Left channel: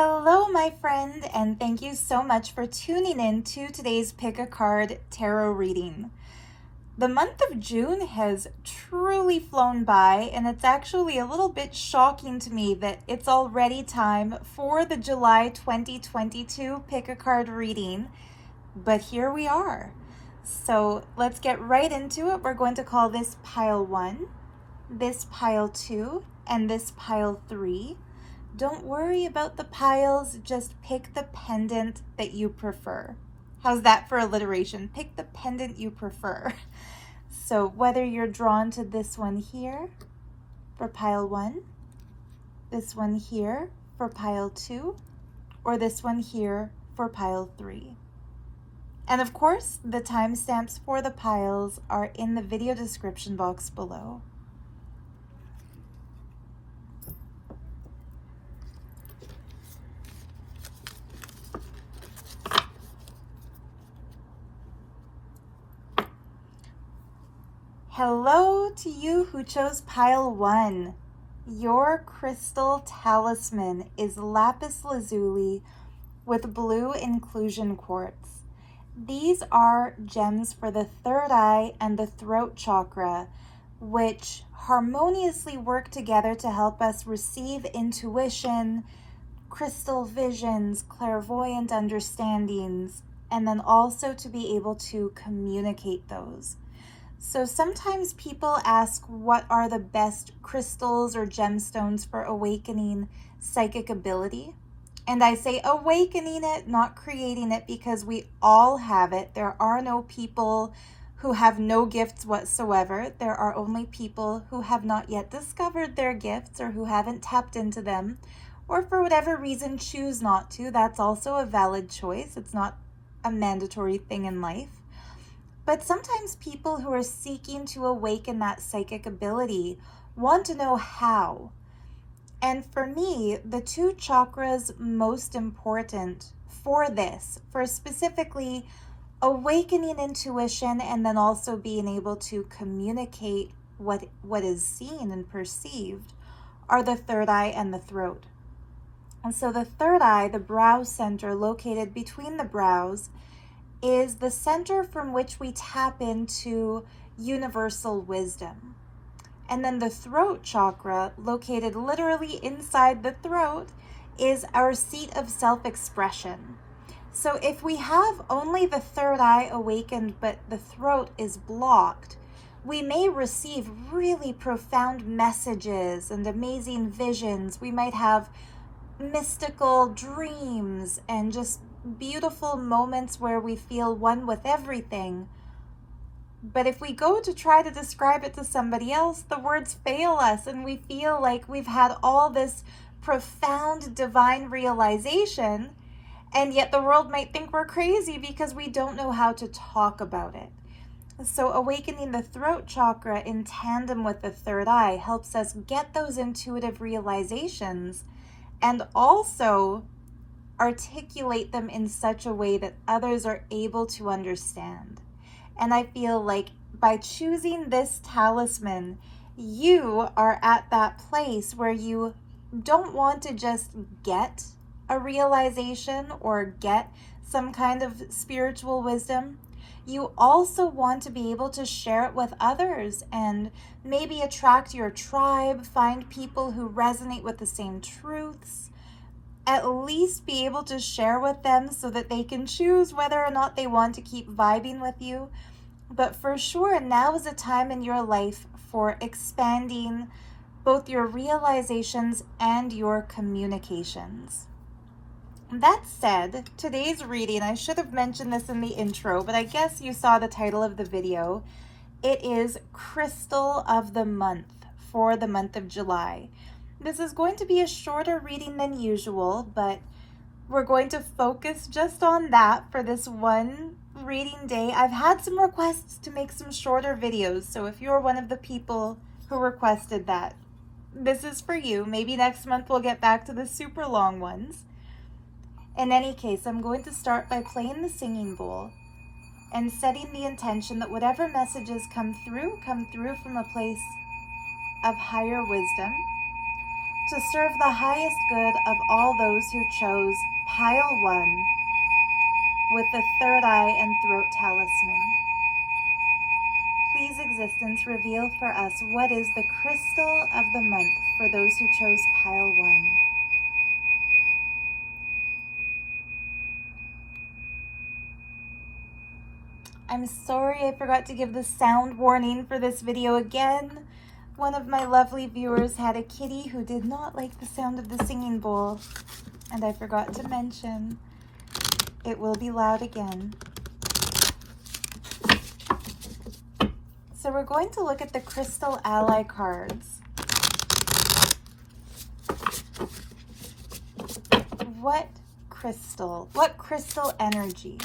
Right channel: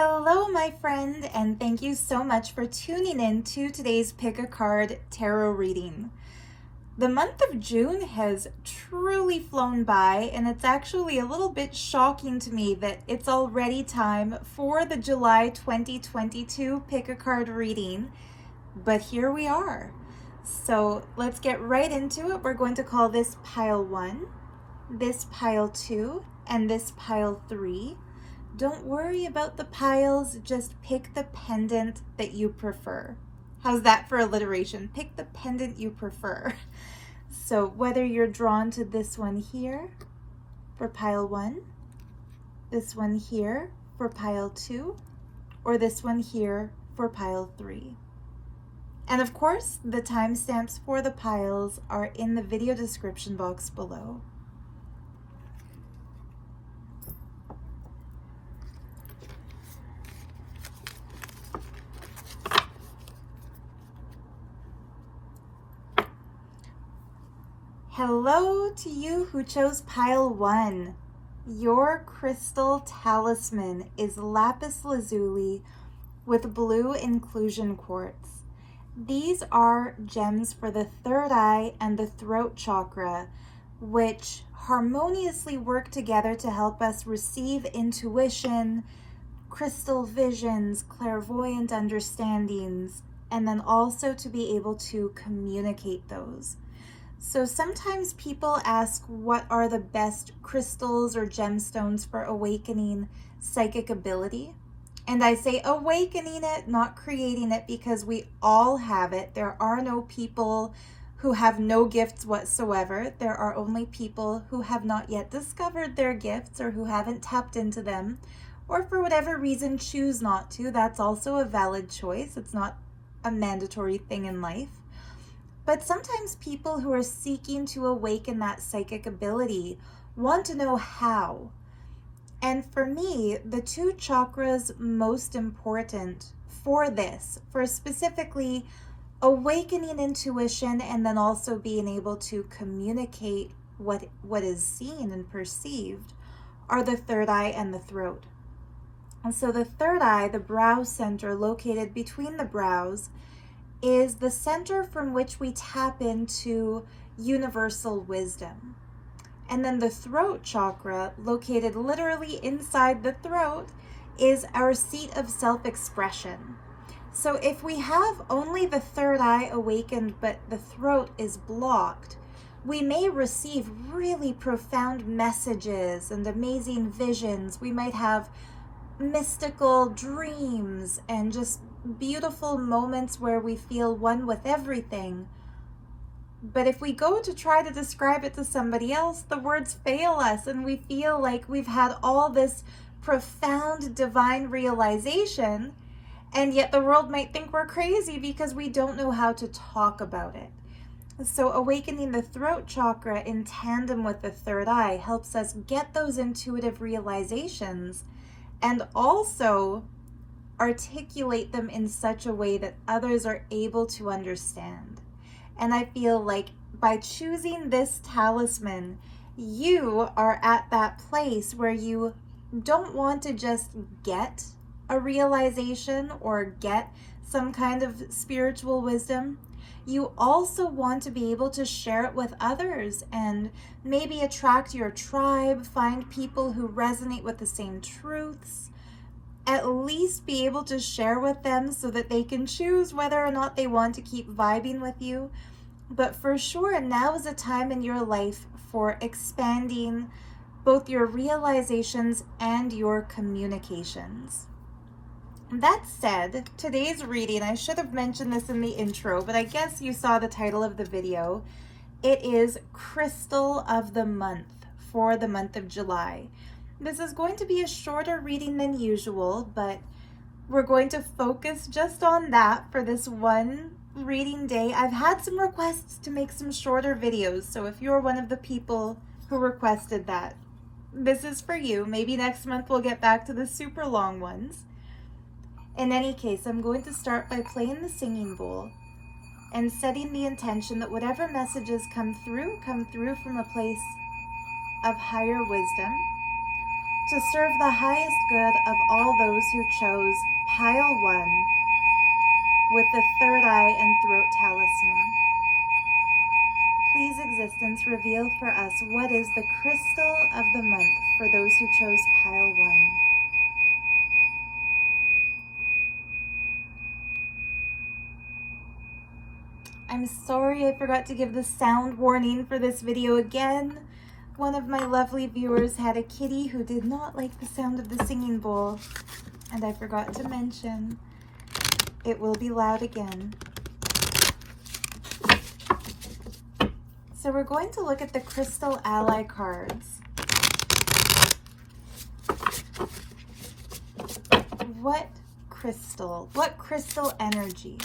Hello, my friend, and thank you so much for tuning in to today's Pick a Card Tarot reading. The month of June has truly flown by, and it's actually a little bit shocking to me that it's already time for the July 2022 Pick a Card reading, but here we are. So let's get right into it. We're going to call this pile 1, this pile 2, and this pile 3. Don't worry about the piles, just pick the pendant that you prefer. How's that for alliteration? Pick the pendant you prefer. So whether you're drawn to this one here for pile 1, this one here for pile 2, or this one here for pile 3. And of course, the timestamps for the piles are in the video description box below. Hello to you who chose pile 1. Your crystal talisman is Lapis Lazuli with blue inclusion quartz. These are gems for the third eye and the throat chakra, which harmoniously work together to help us receive intuition, crystal visions, clairvoyant understandings, and then also to be able to communicate those. So sometimes people ask what are the best crystals or gemstones for awakening psychic ability. And I say awakening it, not creating it, because we all have it. There are no people who have no gifts whatsoever. There are only people who have not yet discovered their gifts or who haven't tapped into them, or for whatever reason choose not to. That's also a valid choice. It's not a mandatory thing in life. But sometimes people who are seeking to awaken that psychic ability want to know how. And for me, the two chakras most important for this, for specifically awakening intuition and then also being able to communicate what is seen and perceived, are the third eye and the throat. And so the third eye, the brow center located between the brows, is the center from which we tap into universal wisdom. And then the throat chakra, located literally inside the throat, is our seat of self-expression. So if we have only the third eye awakened but the throat is blocked, we may receive really profound messages and amazing visions. We might have mystical dreams and just beautiful moments where we feel one with everything. But if we go to try to describe it to somebody else, the words fail us and we feel like we've had all this profound divine realization, and yet the world might think we're crazy because we don't know how to talk about it. So awakening the throat chakra in tandem with the third eye helps us get those intuitive realizations and also articulate them in such a way that others are able to understand. And I feel like by choosing this talisman, you are at that place where you don't want to just get a realization or get some kind of spiritual wisdom. You also want to be able to share it with others and maybe attract your tribe, find people who resonate with the same truths, at least be able to share with them so that they can choose whether or not they want to keep vibing with you. But for sure, now is a time in your life for expanding both your realizations and your communications. That said, today's reading, I should have mentioned this in the intro, but I guess you saw the title of the video. It is Crystal of the Month for the month of July. This is going to be a shorter reading than usual, but we're going to focus just on that for this one reading day. I've had some requests to make some shorter videos, so if you're one of the people who requested that, this is for you. Maybe next month we'll get back to the super long ones. In any case, I'm going to start by playing the singing bowl and setting the intention that whatever messages come through from a place of higher wisdom to serve the highest good of all those who chose pile 1 with the third eye and throat talisman. Please, existence, reveal for us what is the crystal of the month for those who chose pile 1. I'm sorry I forgot to give the sound warning for this video again. One of my lovely viewers had a kitty who did not like the sound of the singing bowl, and I forgot to mention it will be loud again. So we're going to look at the Crystal Ally cards. What crystal energy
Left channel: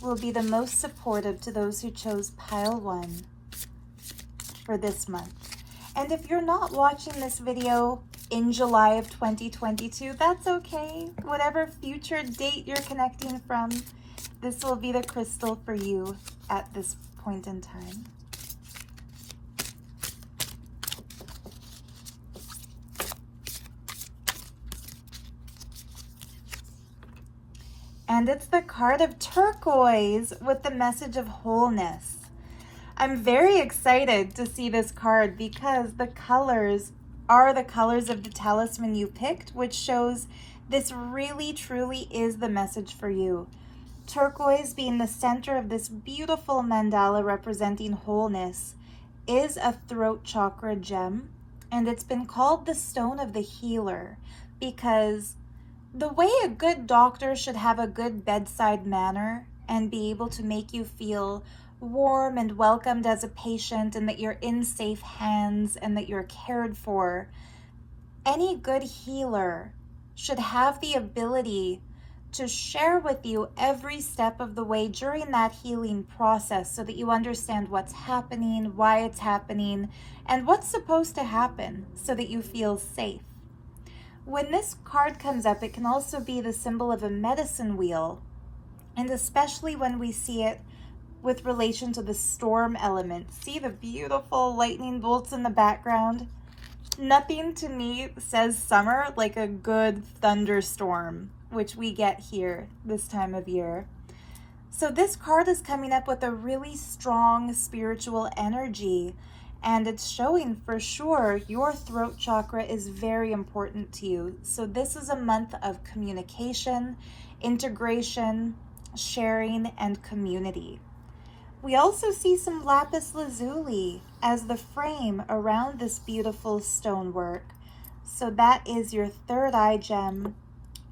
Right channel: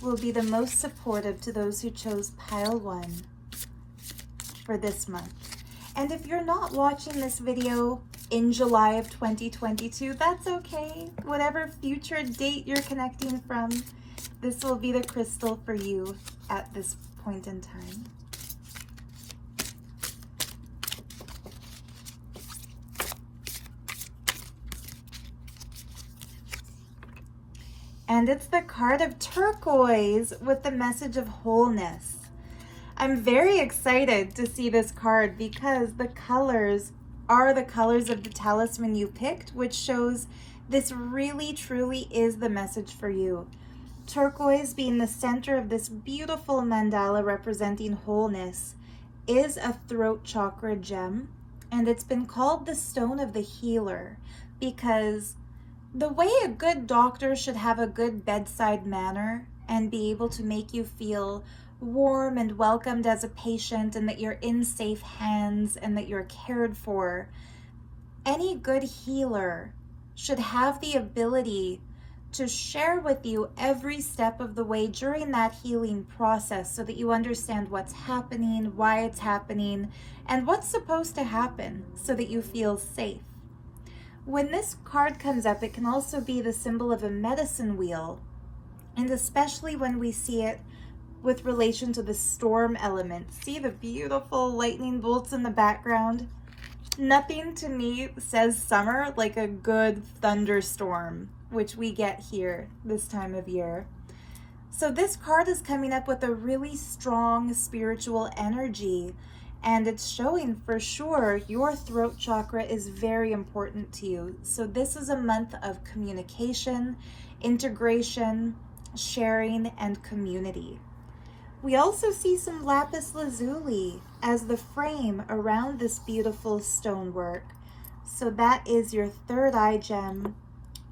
will be the most supportive to those who chose pile 1 for this month? And if you're not watching this video in July of 2022, that's okay. Whatever future date you're connecting from, this will be the crystal for you at this point in time. And it's the card of turquoise with the message of wholeness. I'm very excited to see this card because the colors are the colors of the talisman you picked, which shows this really truly is the message for you. Turquoise, being the center of this beautiful mandala representing wholeness, is a throat chakra gem, and it's been called the stone of the healer because the way a good doctor should have a good bedside manner and be able to make you feel warm and welcomed as a patient and that you're in safe hands and that you're cared for, any good healer should have the ability to share with you every step of the way during that healing process so that you understand what's happening, why it's happening, and what's supposed to happen so that you feel safe. When this card comes up, it can also be the symbol of a medicine wheel, and especially when we see it with relation to the storm element. See the beautiful lightning bolts in the background? Nothing to me says summer like a good thunderstorm, which we get here this time of year. So this card is coming up with a really strong spiritual energy, and it's showing for sure your throat chakra is very important to you. So this is a month of communication, integration, sharing, and community. We also see some Lapis Lazuli as the frame around this beautiful stonework. So that is your third eye gem,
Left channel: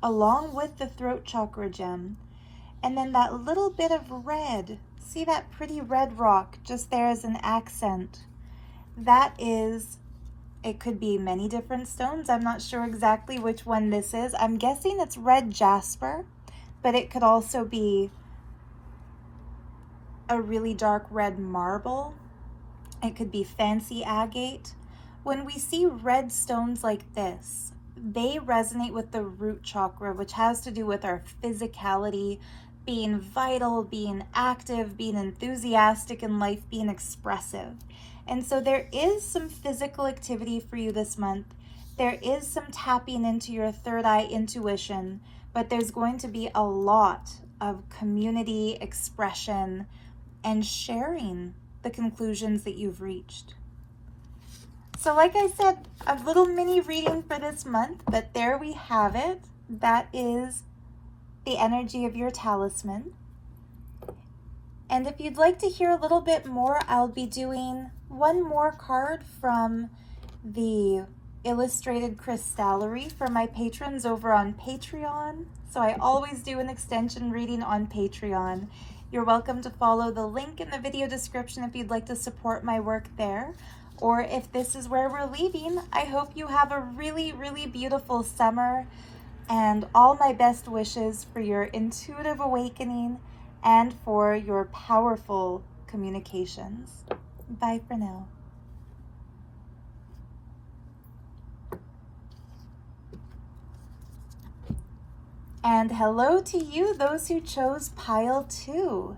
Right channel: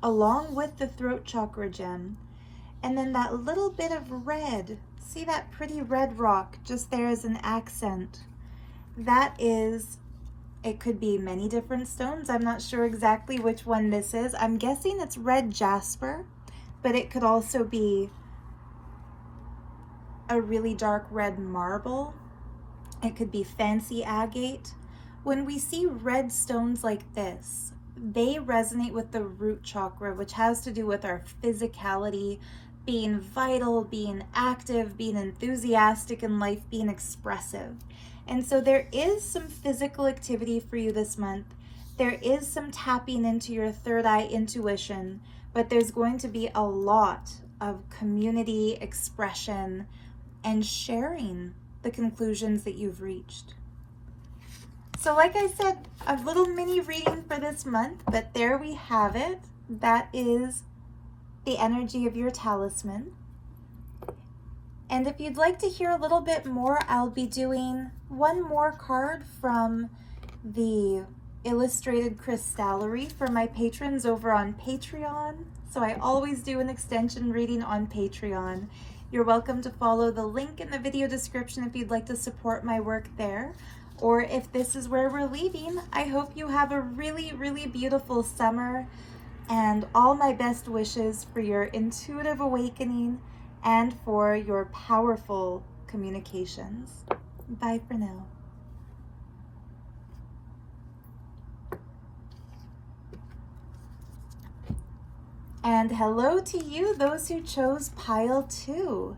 along with the throat chakra gem. And then that little bit of red, see that pretty red rock just there as an accent? That is, it could be many different stones. I'm not sure exactly which one this is. I'm guessing it's red jasper, but it could also be a really dark red marble. It could be fancy agate. When we see red stones like this, they resonate with the root chakra, which has to do with our physicality, being vital, being active, being enthusiastic in life, being expressive. And so there is some physical activity for you this month. There is some tapping into your third eye intuition, but there's going to be a lot of community expression and sharing the conclusions that you've reached. So like I said, a little mini reading for this month, but there we have it. That is the energy of your talisman. And if you'd like to hear a little bit more, I'll be doing one more card from the illustrated crystallery for my patrons over on Patreon. So I always do an extension reading on Patreon. You're welcome to follow the link in the video description if you'd like to support my work there. Or if this is where we're leaving, I hope you have a really, really beautiful summer, and all my best wishes for your intuitive awakening and for your powerful communications. Bye for now. And hello to you, those who chose pile 2.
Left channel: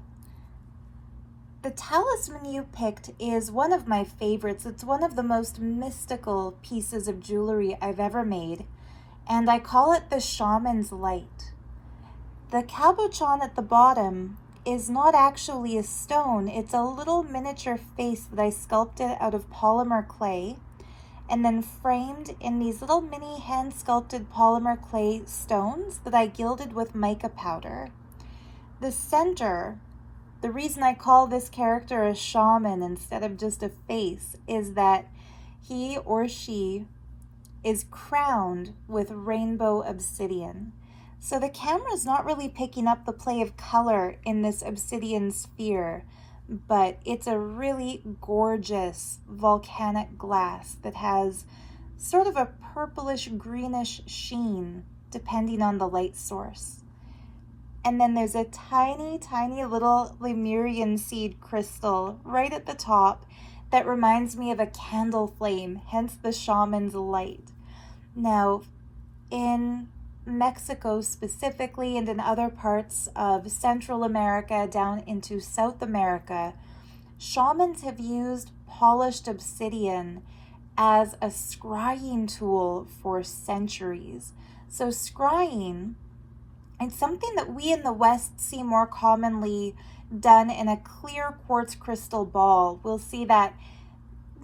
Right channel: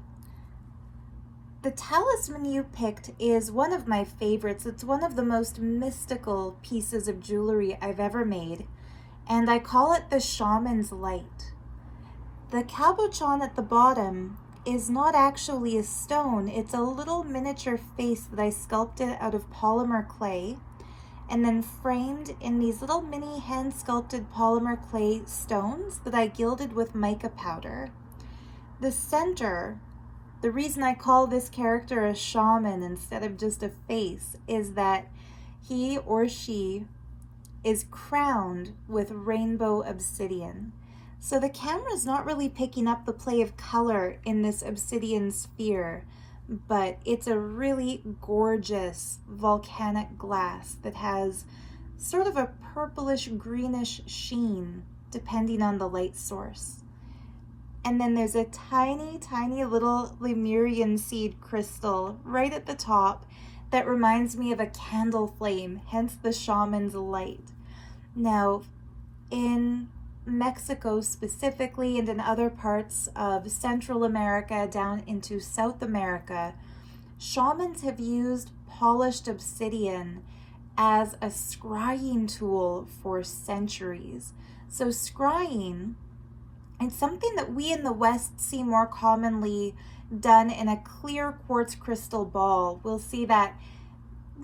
The talisman you picked is one of my favorites. It's one of the most mystical pieces of jewelry I've ever made. and I call it the Shaman's Light. The cabochon at the bottom is not actually a stone. It's a little miniature face that I sculpted out of polymer clay and then framed in these little mini hand sculpted polymer clay stones that I gilded with mica powder. The center, the reason I call this character a shaman instead of just a face, is that he or she is crowned with rainbow obsidian. So the camera's not really picking up the play of color in this obsidian sphere, but it's a really gorgeous volcanic glass that has sort of a purplish greenish sheen depending on the light source. And then there's a tiny, tiny little Lemurian seed crystal right at the top that reminds me of a candle flame, hence the Shaman's Light. Now, in Mexico specifically, and in other parts of Central America down into South America, shamans have used polished obsidian as a scrying tool for centuries. So scrying, it's something that we in the West see more commonly done in a clear quartz crystal ball. We'll see that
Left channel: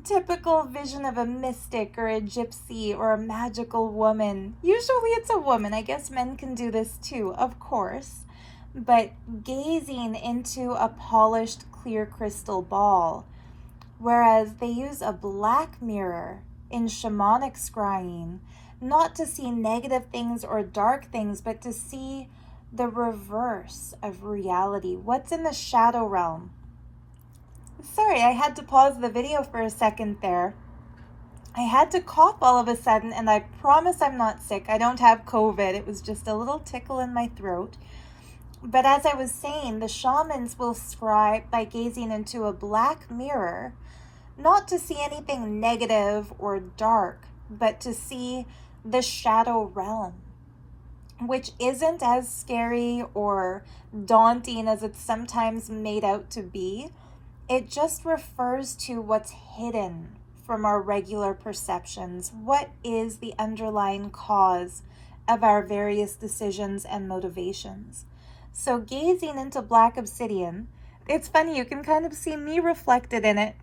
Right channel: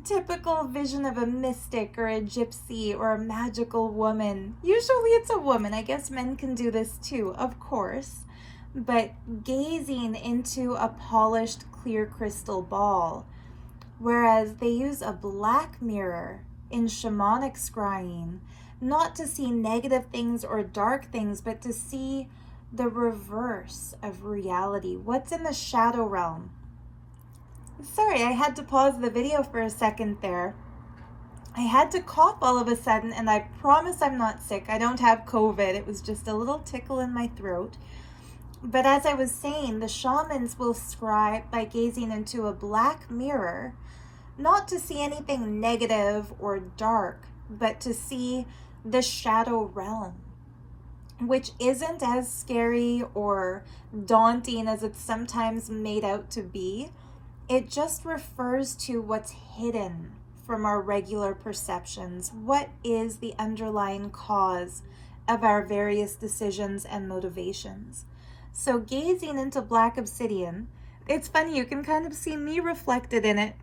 typical vision of a mystic or a gypsy or a magical woman. Usually it's a woman. I guess men can do this too, of course. But gazing into a polished clear crystal ball, whereas they use a black mirror in shamanic scrying, not to see negative things or dark things, but to see the reverse of reality. What's in the shadow realm? Sorry, I had to pause the video for a second there. I had to cough all of a sudden, and I promise I'm not sick. I don't have COVID. It was just a little tickle in my throat. But as I was saying, the shamans will scry by gazing into a black mirror, not to see anything negative or dark, but to see the shadow realm, which isn't as scary or daunting as it's sometimes made out to be. It just refers to what's hidden from our regular perceptions. What is the underlying cause of our various decisions and motivations? So gazing into black obsidian, it's funny, you can kind of see me reflected in it.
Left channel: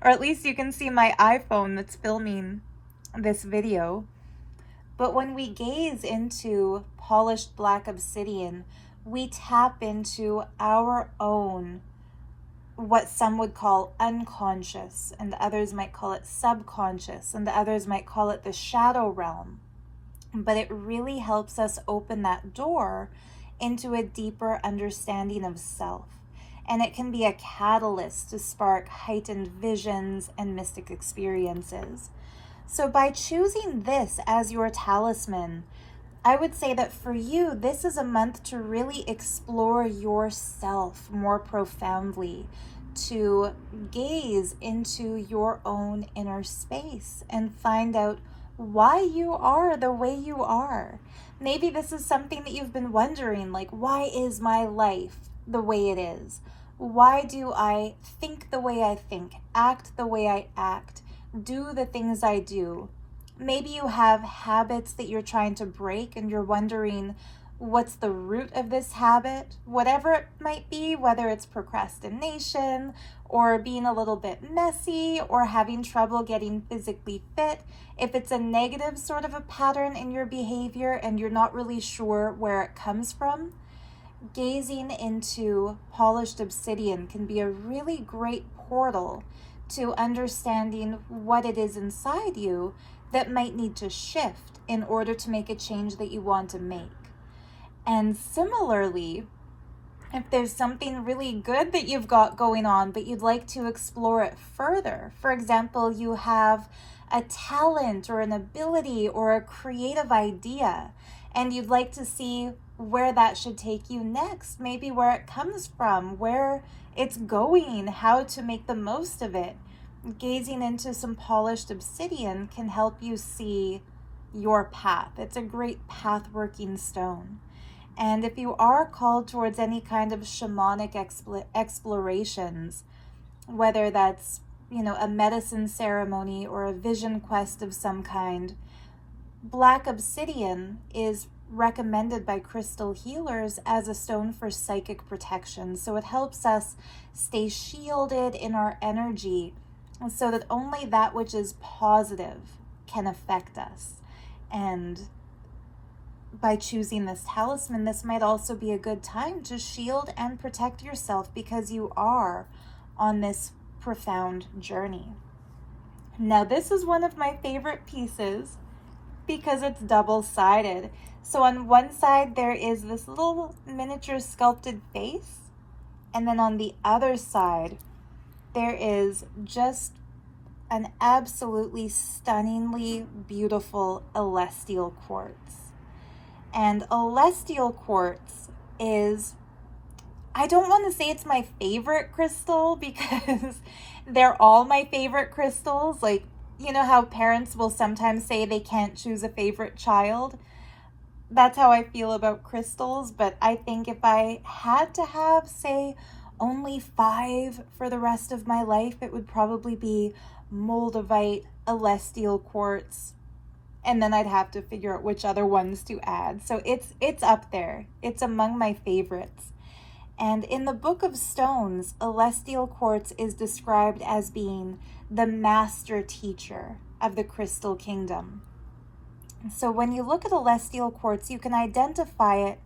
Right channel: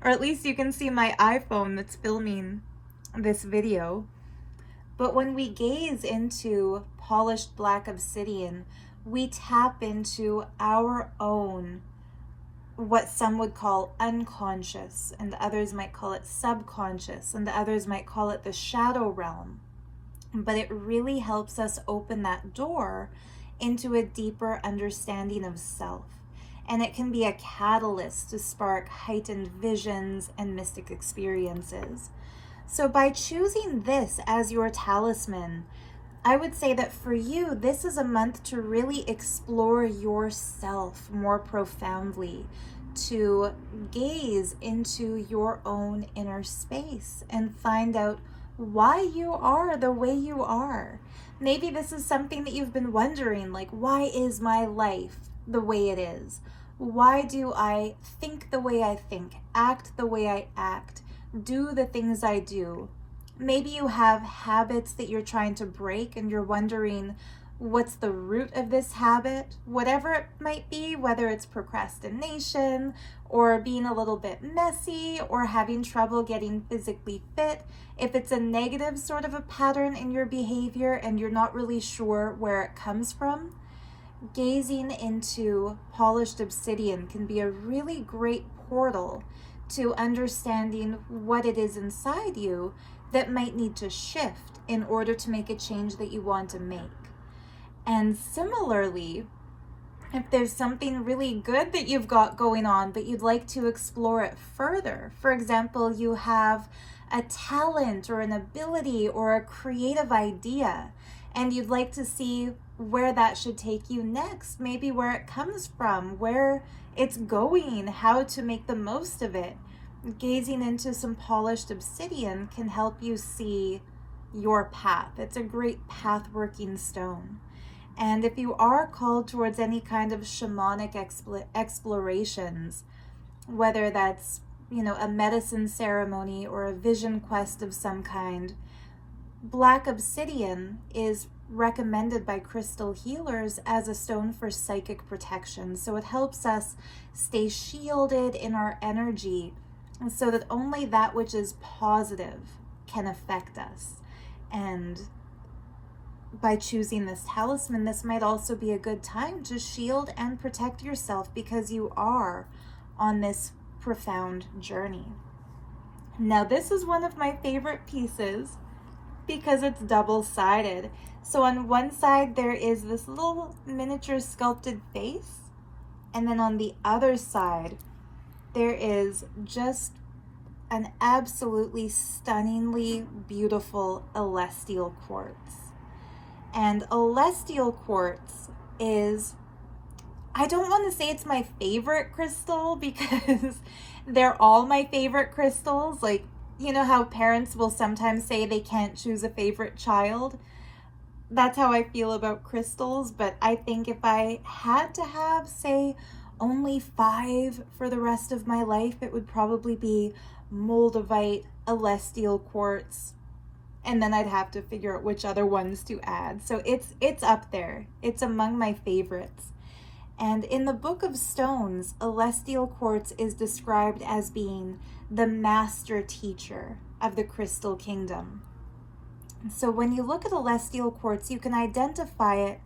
Or at least you can see my iPhone that's filming this video. But when we gaze into polished black obsidian, we tap into our own, what some would call unconscious, and others might call it subconscious, and others might call it the shadow realm. But it really helps us open that door into a deeper understanding of self. And it can be a catalyst to spark heightened visions and mystic experiences. So by choosing this as your talisman, I would say that for you, this is a month to really explore yourself more profoundly, to gaze into your own inner space and find out why you are the way you are. Maybe this is something that you've been wondering, like, why is my life the way it is? Why do I think the way I think, act the way I act, do the things I do? Maybe you have habits that you're trying to break and you're wondering what's the root of this habit, whatever it might be, whether it's procrastination or being a little bit messy or having trouble getting physically fit. If it's a negative sort of a pattern in your behavior and you're not really sure where it comes from, gazing into polished obsidian can be a really great portal to understanding what it is inside you that might need to shift in order to make a change that you want to make. And similarly, if there's something really good that you've got going on, but you'd like to explore it further, for example, you have a talent or an ability or a creative idea, and you'd like to see where that should take you next, maybe where it comes from, where it's going, how to make the most of it. Gazing into some polished obsidian can help you see your path. It's a great path-working stone. And if you are called towards any kind of shamanic explorations, whether that's, a medicine ceremony or a vision quest of some kind, Black obsidian is recommended by crystal healers as a stone for psychic protection. So it helps us stay shielded in our energy so that only that which is positive can affect us. And by choosing this talisman, this might also be a good time to shield and protect yourself because you are on this profound journey. Now, this is one of my favorite pieces because it's double-sided. So on one side, there is this little miniature sculpted face, and then on the other side, there is just an absolutely stunningly beautiful celestial quartz. And celestial quartz is, I don't want to say it's my favorite crystal because they're all my favorite crystals. Like, you know how parents will sometimes say they can't choose a favorite child? That's how I feel about crystals, but I think if I had to have, say, only 5 for the rest of my life, it would probably be moldavite, celestial quartz, and then I'd have to figure out which other ones to add. So it's up there. It's among my favorites. And in the Book of Stones, celestial quartz is described as being the master teacher of the crystal kingdom. So when you look at celestial quartz, you can identify it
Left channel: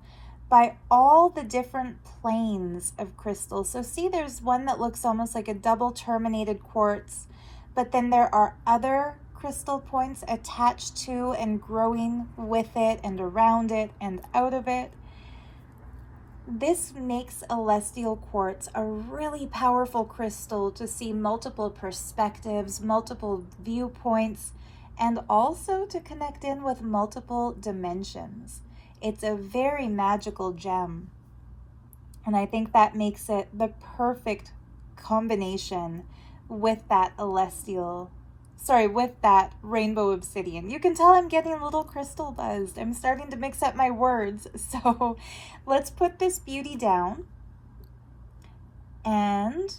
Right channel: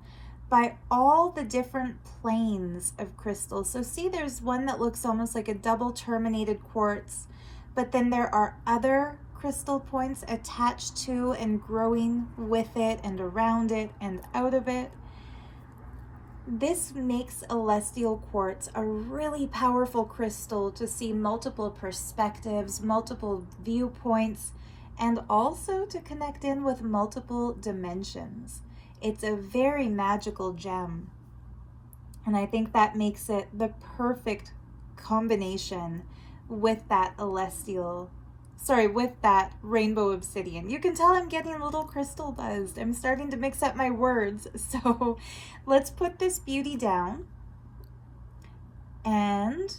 by all the different planes of crystals. So see, there's one that looks almost like a double terminated quartz, but then there are other crystal points attached to and growing with it and around it and out of it. This makes celestial quartz a really powerful crystal to see multiple perspectives, multiple viewpoints, and also to connect in with multiple dimensions. It's a very magical gem, and I think that makes it the perfect combination with that with that rainbow obsidian. You can tell I'm getting a little crystal buzzed. I'm starting to mix up my words. So let's put this beauty down, and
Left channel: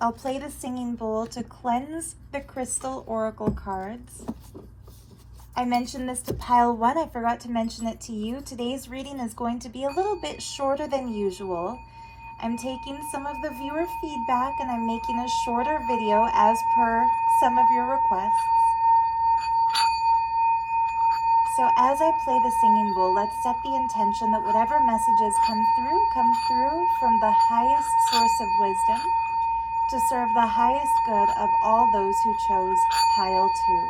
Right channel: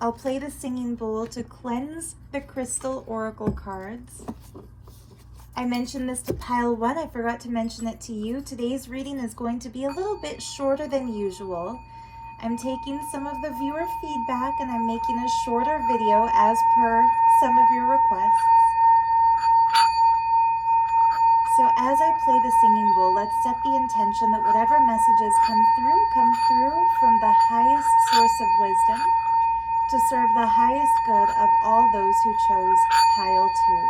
I'll play the singing bowl to cleanse the crystal oracle cards. I mentioned this to pile 1. I forgot to mention it to you. Today's reading is going to be a little bit shorter than usual. I'm taking some of the viewer feedback and I'm making a shorter video as per some of your requests. So as I play the singing bowl, let's set the intention that whatever messages come through from the highest source of wisdom to serve the highest good of all those who chose pile 2.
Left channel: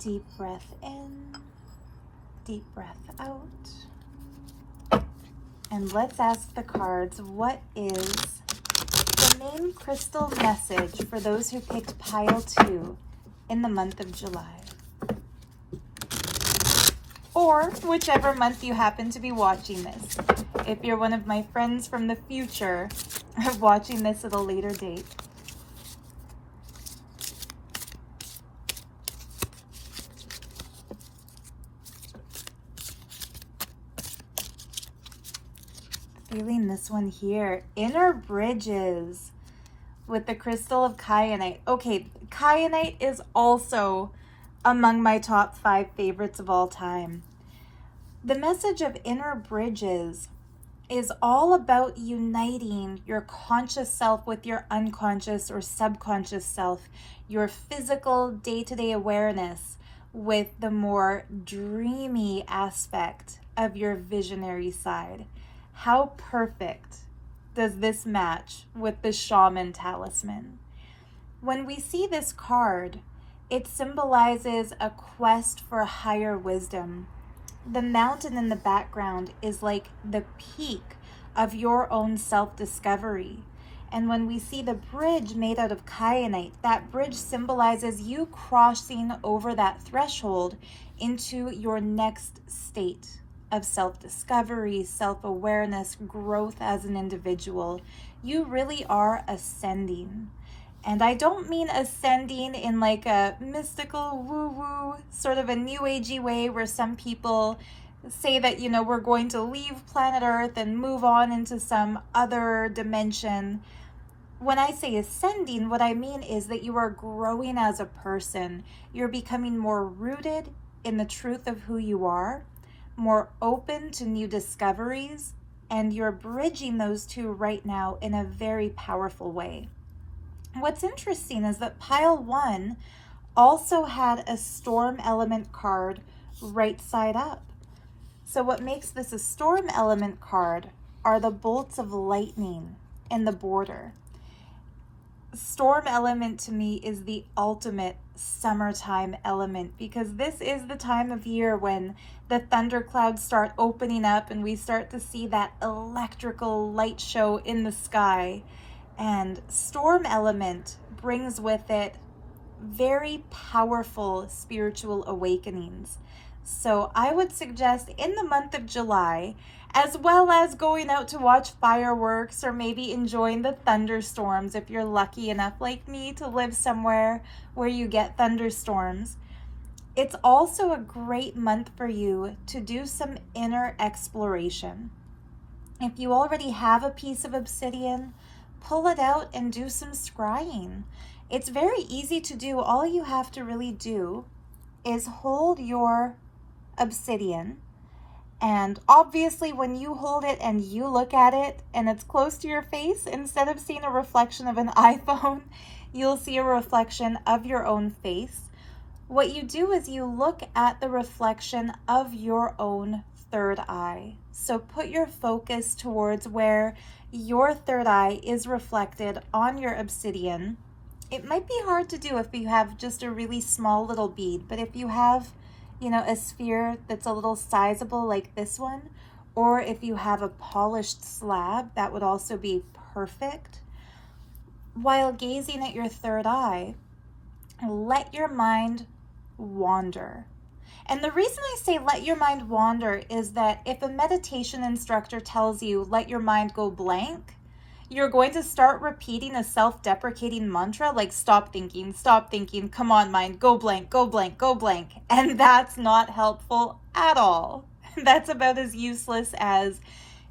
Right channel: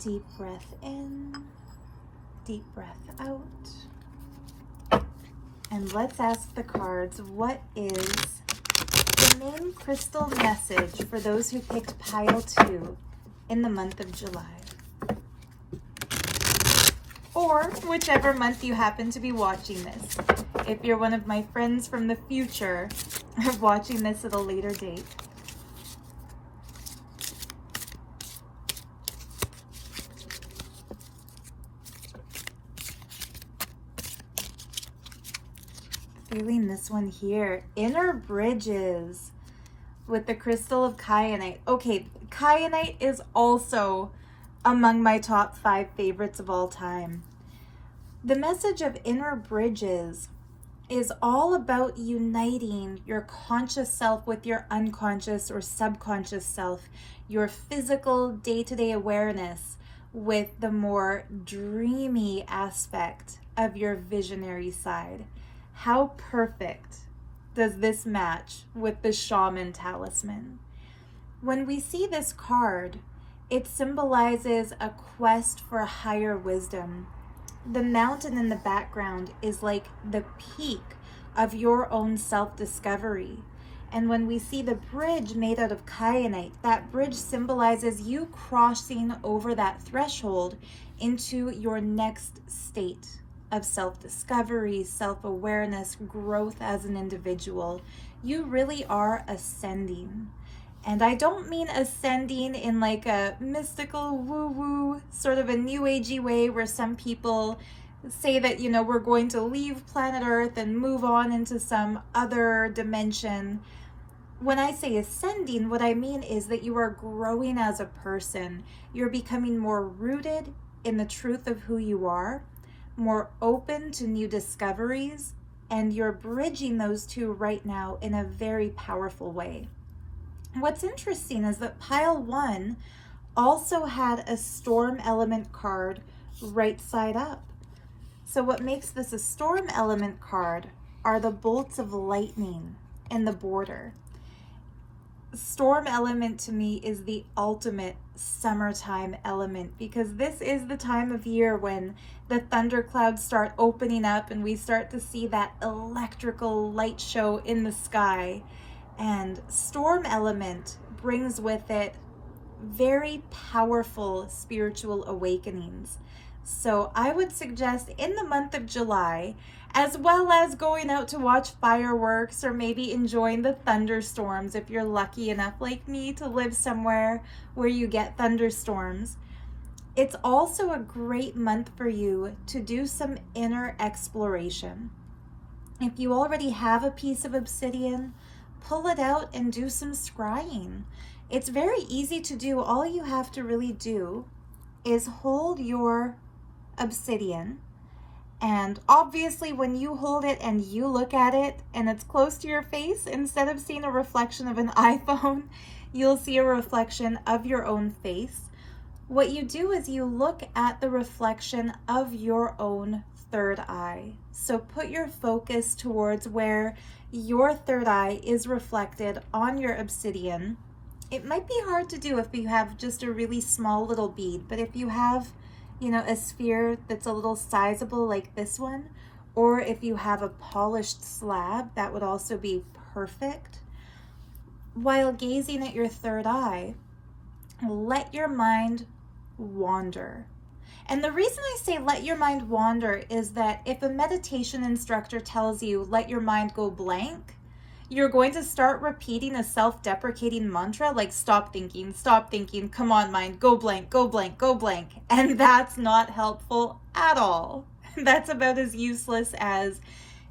Deep breath in, deep breath out. And let's ask the cards, what is the main crystal message for those who picked pile 2 in the month of July? Or whichever month you happen to be watching this. If you're one of my friends from the future, watching this at a later date. Feeling this one here, inner bridges with the crystal of Kyanite. Okay, Kyanite is also among my top 5 favorites of all time. The message of inner bridges is all about uniting your conscious self with your unconscious or subconscious self, your physical day-to-day awareness with the more dreamy aspect of your visionary side. How perfect does this match with the Shaman talisman? When we see this card, it symbolizes a quest for higher wisdom. The mountain in the background is like the peak of your own self-discovery. And when we see the bridge made out of kyanite, that bridge symbolizes you crossing over that threshold into your next state of self-discovery, self-awareness, growth as an individual. You really are ascending. And I don't mean ascending in like a mystical woo-woo, sort of a new agey way where some people say that, you know, we're going to leave planet Earth and move on into some other dimension. When I say ascending, what I mean is that you are growing as a person. You're becoming more rooted in the truth of who you are, more open to new discoveries, and you're bridging those two right now in a very powerful way. What's interesting is that pile 1 also had a storm element card right side up. So what makes this a storm element card are the bolts of lightning in the border. Storm element to me is the ultimate summertime element, because this is the time of year when the thunderclouds start opening up and we start to see that electrical light show in the sky. And storm element brings with it very powerful spiritual awakenings. So I would suggest in the month of July, as well as going out to watch fireworks or maybe enjoying the thunderstorms if you're lucky enough like me to live somewhere where you get thunderstorms, it's also a great month for you to do some inner exploration. If you already have a piece of obsidian, pull it out and do some scrying. It's very easy to do. All you have to really do is hold your obsidian, and obviously when you hold it and you look at it and it's close to your face, instead of seeing a reflection of an iPhone, you'll see a reflection of your own face. What you do is you look at the reflection of your own third eye. So put your focus towards where your third eye is reflected on your obsidian. It might be hard to do if you have just a really small little bead, but if you have, you know, a sphere that's a little sizable like this one, or if you have a polished slab, that would also be perfect. While gazing at your third eye, let your mind wander. And the reason I say let your mind wander is that if a meditation instructor tells you let your mind go blank, you're going to start repeating a self-deprecating mantra like stop thinking, come on mind, go blank, go blank, go blank. And that's not helpful at all. That's about as useless as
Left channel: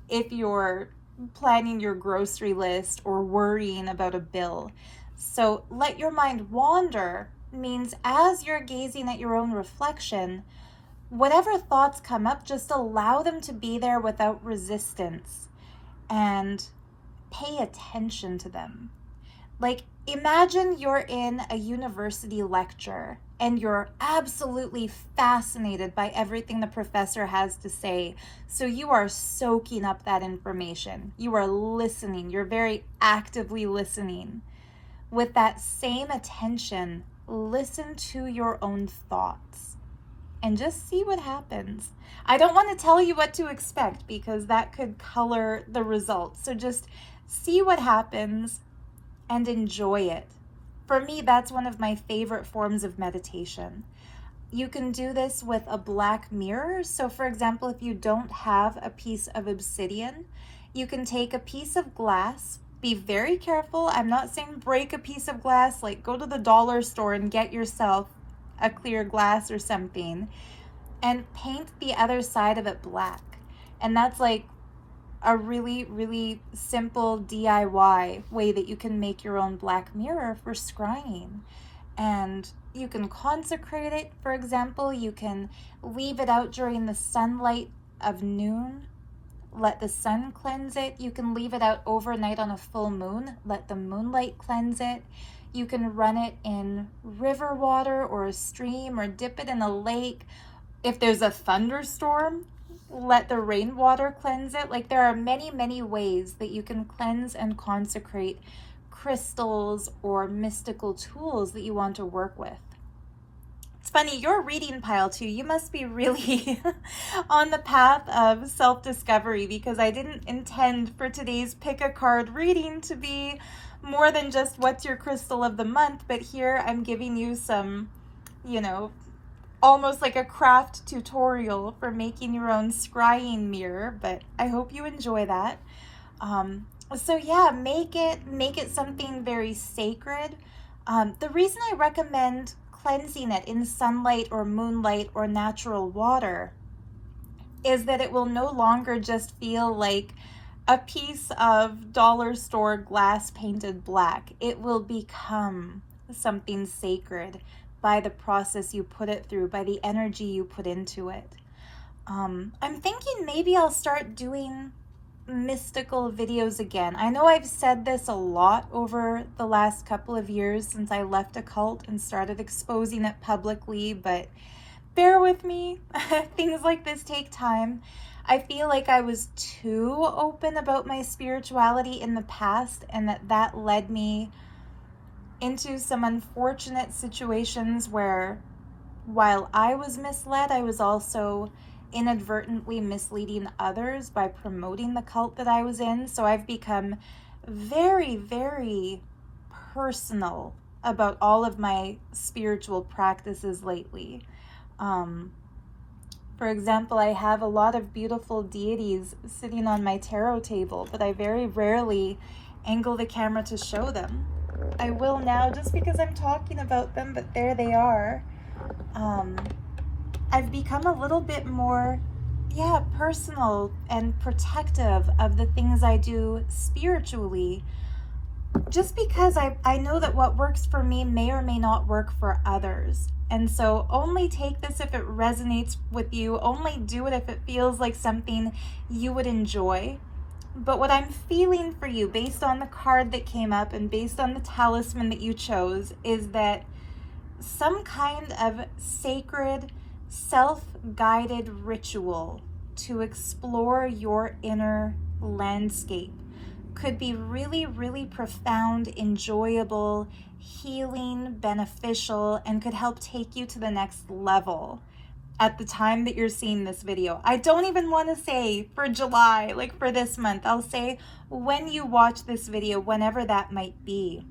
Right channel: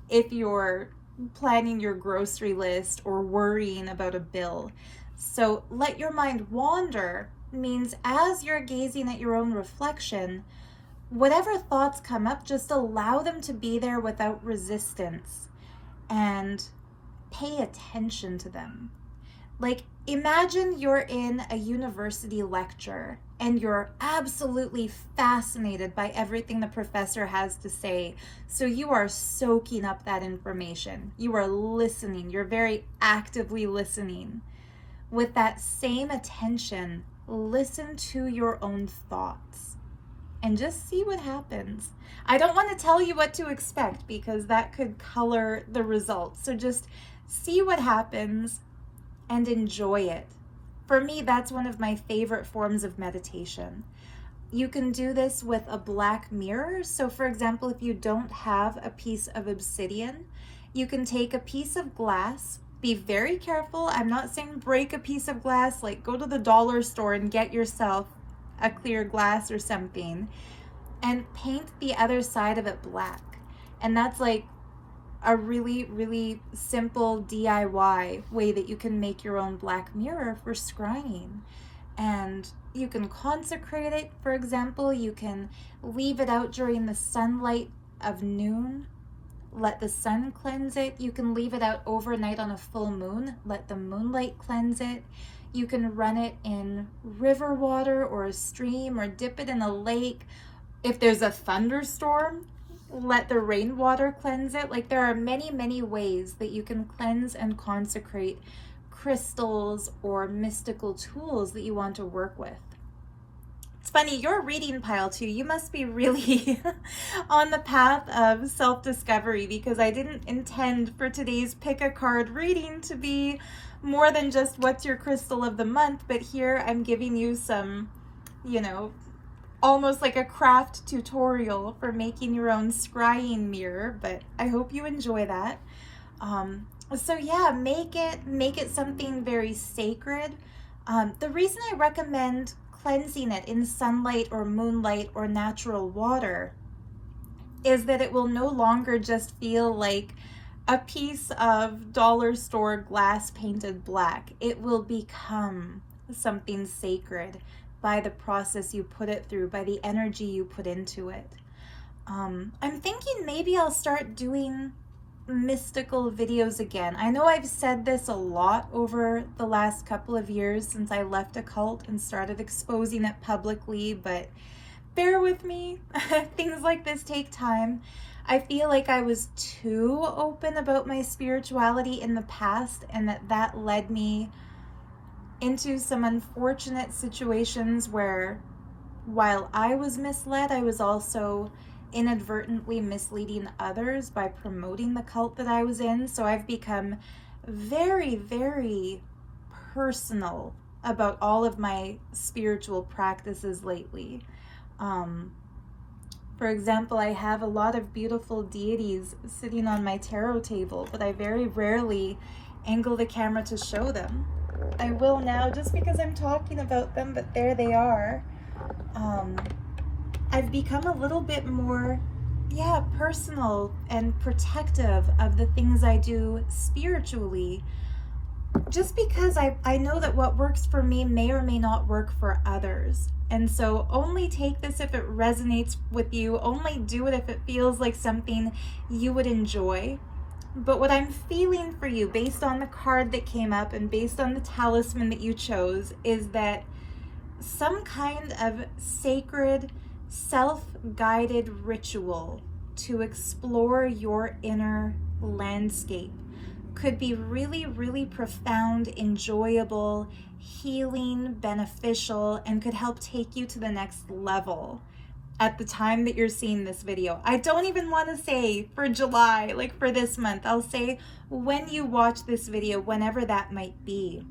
if you're planning your grocery list or worrying about a bill. So let your mind wander means as you're gazing at your own reflection, whatever thoughts come up, just allow them to be there without resistance and pay attention to them. Like, imagine you're in a university lecture and you're absolutely fascinated by everything the professor has to say. So you are soaking up that information. You are listening. You're very actively listening. With that same attention, listen to your own thoughts and just see what happens. I don't want to tell you what to expect because that could color the results. So just see what happens and enjoy it. For me, that's one of my favorite forms of meditation. You can do this with a black mirror. So for example, if you don't have a piece of obsidian, you can take a piece of glass. Be very careful. I'm not saying break a piece of glass, like go to the dollar store and get yourself a clear glass or something, and paint the other side of it black. And that's like a really, really simple DIY way that you can make your own black mirror for scrying. And you can consecrate it, for example. You can leave it out during the sunlight of noon. Let the sun cleanse it. You can leave it out overnight on a full moon. Let the moonlight cleanse it. You can run it in river water or a stream or dip it in a lake. If there's a thunderstorm, let the rainwater cleanse it. Like, there are many, many ways that you can cleanse and consecrate crystals or mystical tools that you want to work with. It's funny, you're reading pile 2. You must be really on the path of self-discovery, because I didn't intend for today's pick a card reading to be more than just what's your crystal of the month, but here I'm giving you some, you know, almost like a craft tutorial for making your own scrying mirror, but I hope you enjoy that. So yeah, make it something very sacred. The reason I recommend cleansing it in sunlight or moonlight or natural water is that it will no longer just feel like a piece of dollar store glass painted black. It will become something sacred by the process you put it through, by the energy you put into it. I'm thinking maybe I'll start doing mystical videos again. I know I've said this a lot over the last couple of years since I left a cult and started exposing it publicly, but bear with me. Things like this take time. I feel like I was too open about my spirituality in the past, and that led me into some unfortunate situations where, while I was misled, I was also inadvertently misleading others by promoting the cult that I was in. So I've become very, very personal about all of my spiritual practices lately. For example, I have a lot of beautiful deities sitting on my tarot table, but I very rarely angle the camera to show them. I will now just because I'm talking about them, but there they are. I've become a little bit more, personal and protective of the things I do spiritually, just because I know that what works for me may or may not work for others. And so only take this if it resonates with you, only do it if it feels like something you would enjoy. But what I'm feeling for you, based on the card that came up and based on the talisman that you chose, is that some kind of sacred, self-guided ritual to explore your inner landscape could be really, really profound, enjoyable, healing, beneficial, and could help take you to the next level at the time that you're seeing this video. I don't even want to say for July, like for this month. I'll say when you watch this video, whenever that might be.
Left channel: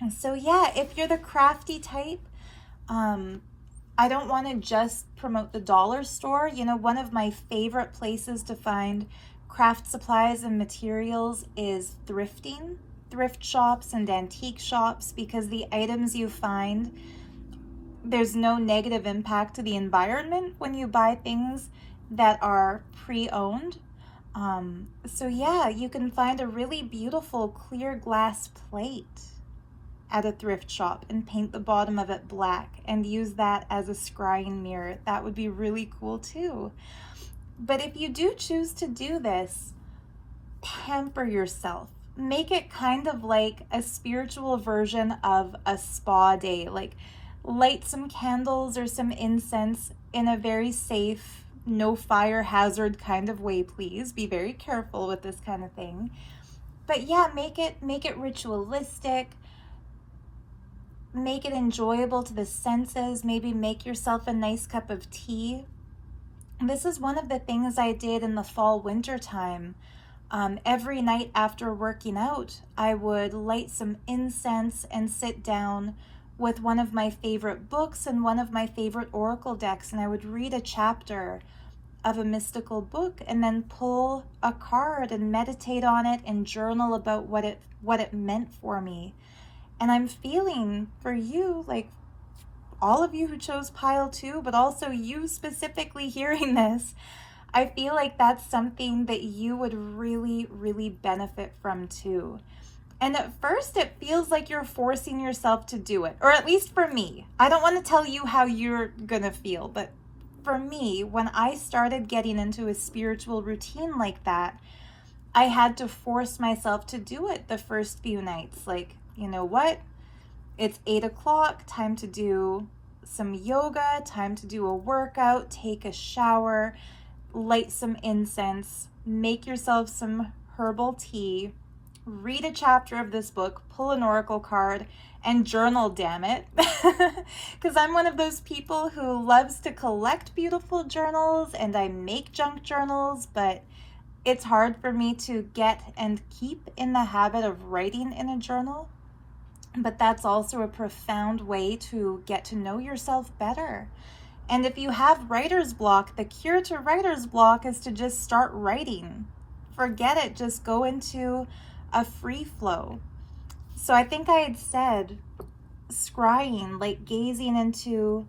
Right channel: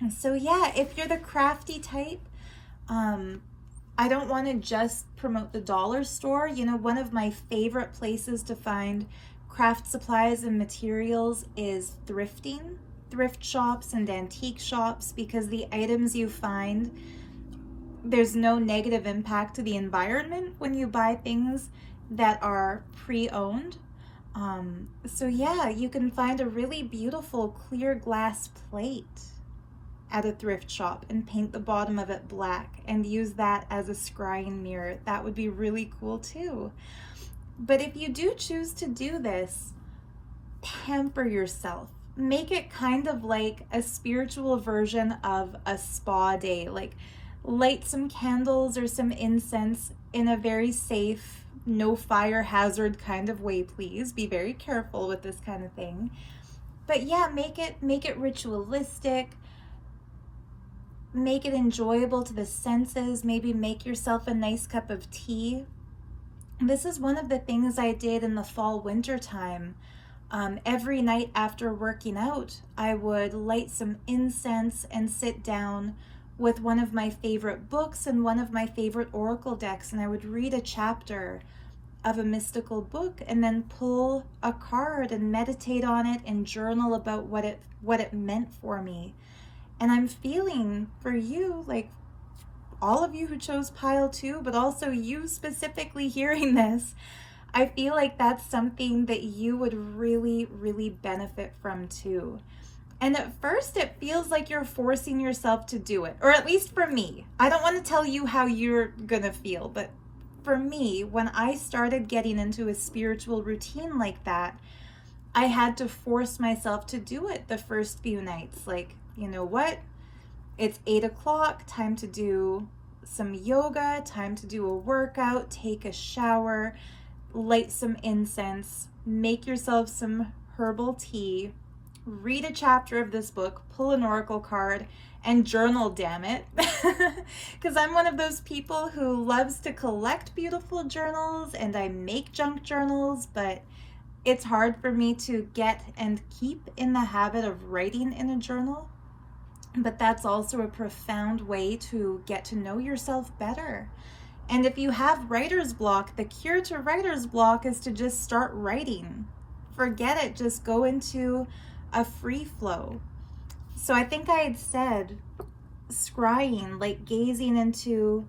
And so yeah, if you're the crafty type, I don't want to just promote the dollar store. You know, one of my favorite places to find craft supplies and materials is thrifting, thrift shops and antique shops, because the items you find, there's no negative impact to the environment when you buy things that are pre-owned. So yeah, you can find a really beautiful clear glass plate at a thrift shop and paint the bottom of it black and use that as a scrying mirror. That would be really cool too. But if you do choose to do this, pamper yourself. Make it kind of like a spiritual version of a spa day. Like, light some candles or some incense in a very safe, no fire hazard kind of way, please. Be very careful with this kind of thing. But yeah, make it ritualistic. Make it enjoyable to the senses. Maybe make yourself a nice cup of tea. This is one of the things I did in the fall winter time. Every night after working out, I would light some incense and sit down with one of my favorite books and one of my favorite oracle decks, and I would read a chapter of a mystical book and then pull a card and meditate on it and journal about what it meant for me. And I'm feeling for you, like all of you who chose pile 2, but also you specifically hearing this, I feel like that's something that you would really, really benefit from too. And at first it feels like you're forcing yourself to do it, or at least for me. I don't want to tell you how you're gonna feel, but for me, when I started getting into a spiritual routine like that, I had to force myself to do it the first few nights. Like, you know what? It's 8 o'clock, time to do some yoga, time to do a workout, take a shower, light some incense, make yourself some herbal tea, read a chapter of this book, pull an oracle card, and journal, damn it. Because I'm one of those people who loves to collect beautiful journals, and I make junk journals, but it's hard for me to get and keep in the habit of writing in a journal. But that's also a profound way to get to know yourself better. And if you have writer's block, the cure to writer's block is to just start writing. Forget it, just go into a free flow. So I think I had said scrying, like gazing into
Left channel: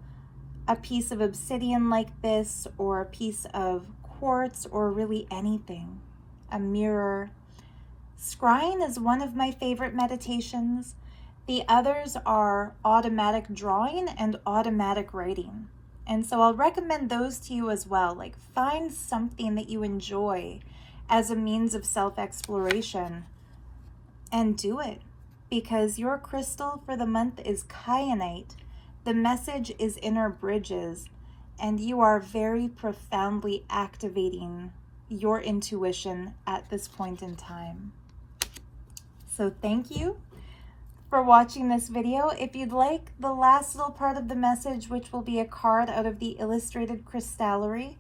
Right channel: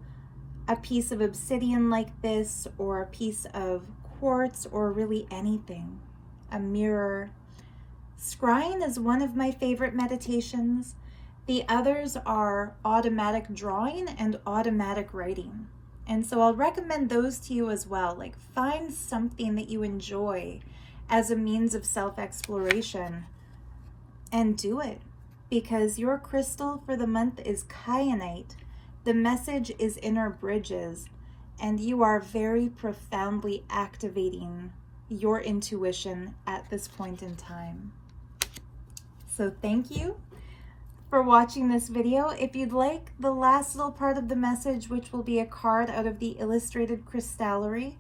a piece of obsidian like this, or a piece of quartz, or really anything. A mirror. Scrying is one of my favorite meditations. The others are automatic drawing and automatic writing. And so I'll recommend those to you as well. Like, find something that you enjoy as a means of self-exploration and do it, because your crystal for the month is Kyanite. The message is inner bridges, and you are very profoundly activating your intuition at this point in time. So thank you for watching this video. If you'd like the last little part of the message, which will be a card out of the Illustrated Crystallery,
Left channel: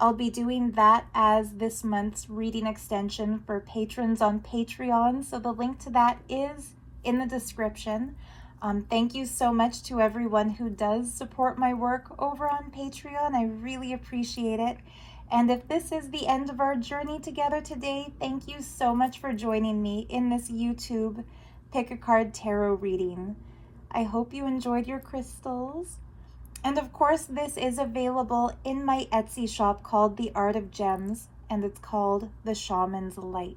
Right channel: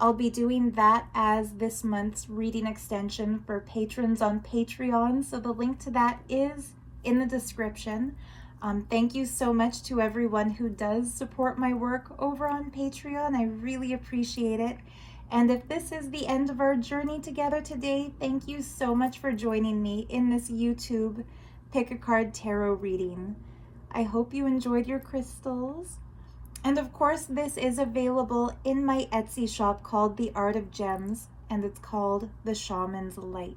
I'll be doing that as this month's reading extension for patrons on Patreon. So the link to that is in the description. Thank you so much to everyone who does support my work over on Patreon. I really appreciate it. And if this is the end of our journey together today, thank you so much for joining me in this YouTube Pick a Card Tarot reading. I hope you enjoyed your crystals. And of course, this is available in my Etsy shop called The Art of Gems, and it's called The Shaman's Light.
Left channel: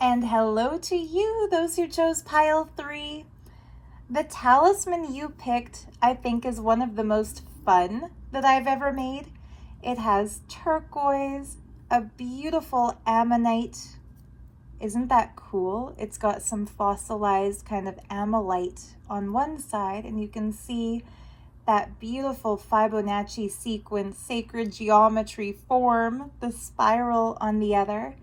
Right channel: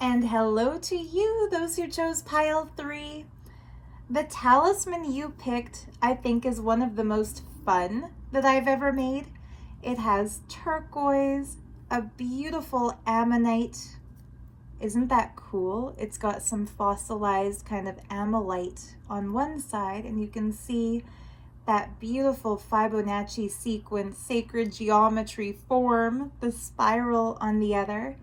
And hello to you, those who chose pile 3. The talisman you picked, I think, is one of the most fun that I've ever made. It has turquoise, a beautiful ammonite. Isn't that cool? It's got some fossilized kind of ammonite on one side, and you can see that beautiful Fibonacci sequence, sacred geometry form, the spiral on the other.